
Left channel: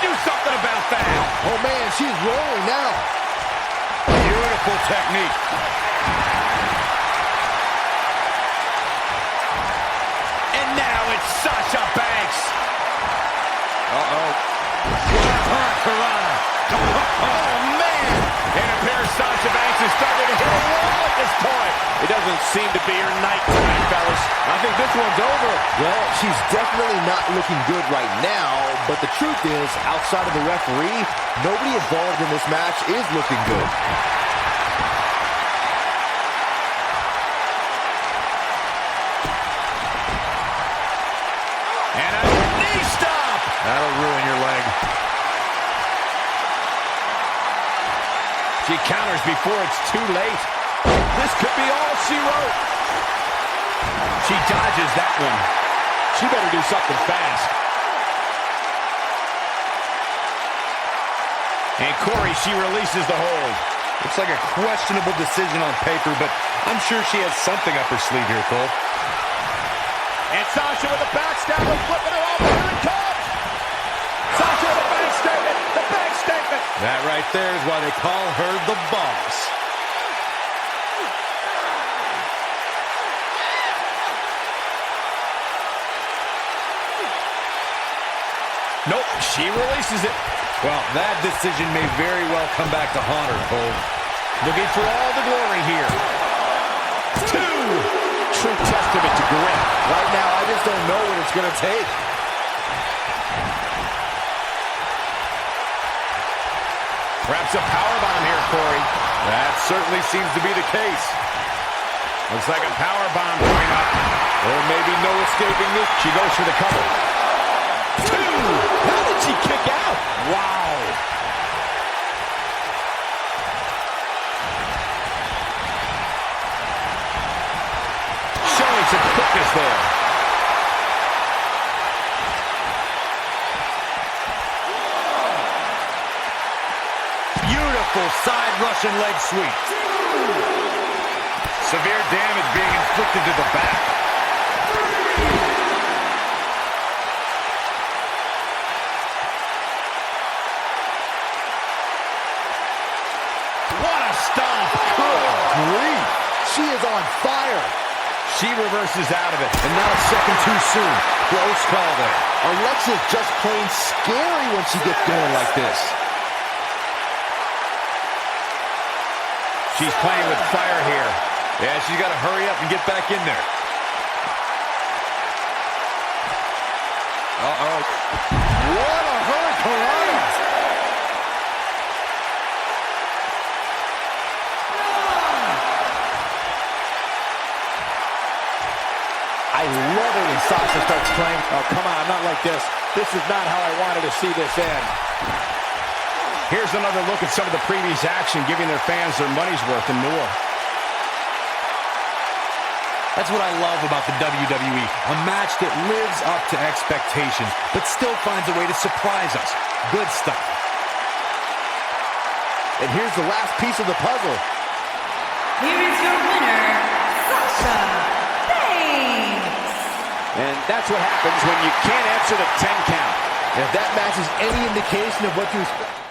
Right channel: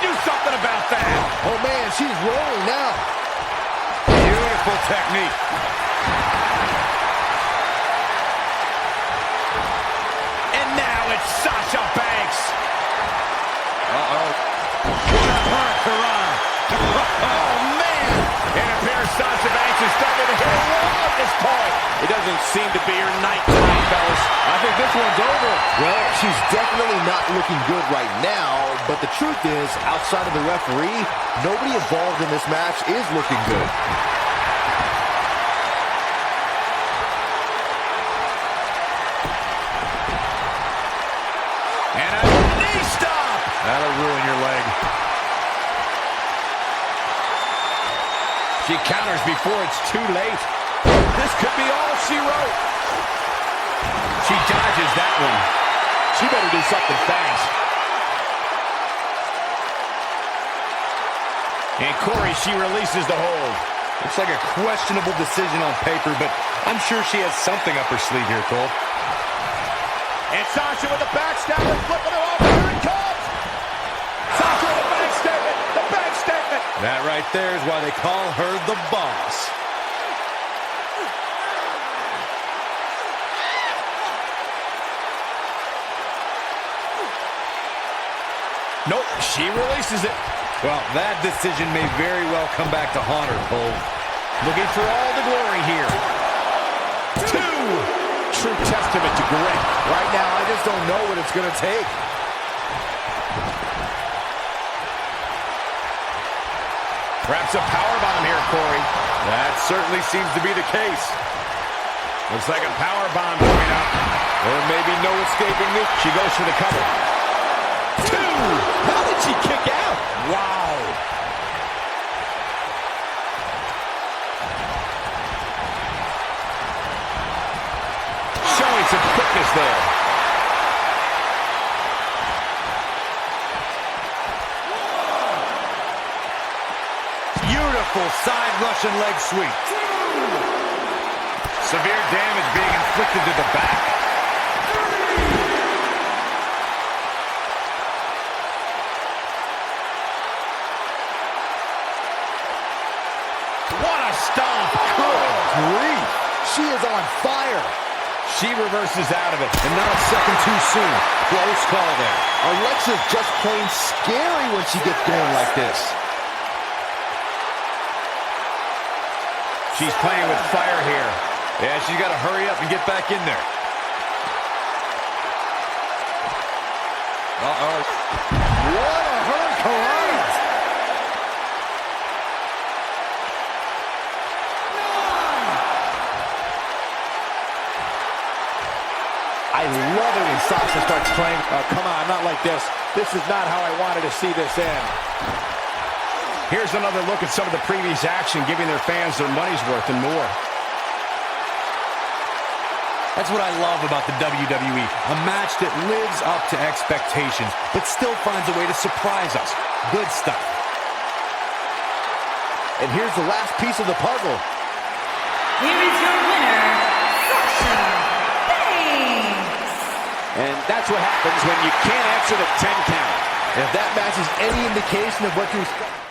do something about that. Oh, man, she's rolling now. Beautiful technique. And now it's Sasha Banks. Uh-oh. What a hurricane. Oh, man. It appears Sasha Banks is starting to hit a wall at this point. It doesn't seem to be her night tonight, fellas. I think this one's over. Well, she's definitely not looking good right now, but the truth is, outside of the referee, nobody involved in this match is looking good. And a knee stop. That'll ruin your leg. She counters before it's too late. This could be all she wrote. She dodges that one. She better do something fast. And Corey, she releases the hold. Looks like a questionable decision on paper, but I'm sure she has something up her sleeve here, Cole. And Sasha with the backstabber, flipping her over. Here it comes. Sasha with the bank statement. The bank statement. That right there is why they call her the boss. Nope, she releases it. Well, that decision may very well come back to haunt her, Cole. Looking for all the glory here. 2. True testament to grit. Right now, I just don't know what it's going to take. Perhaps a powerbomb here, Corey. That certainly seems to be the case. Looks like a powerbomb coming up. There may be no escaping this. She goes for the cover. 2. How did she kick out? Wow. Showing some quickness there. Beautiful side Russian leg sweep. Severe damage being inflicted to the back. What a stomp. Good grief. She is on fire. She reverses out of it. And not a second too soon. Close call there. Alexa's just plain scary when she gets going like this. She's playing with fire here. Yeah, she's got to hurry up and get back in there. Uh-oh. What a hurricane! I love it when Sasha starts playing. Oh, come on, not like this. This is not how I wanted to see this end. Here's another look at some of the previous action, giving their fans their money's worth and more. That's what I love about the WWE. A match that lives up to expectations, but still finds a way to surprise us. Good stuff. And here's the last piece of the puzzle. Here is your winner, Sasha Banks. And that's what happens when you can't answer the 10 count. If that match is any indication of what to expect.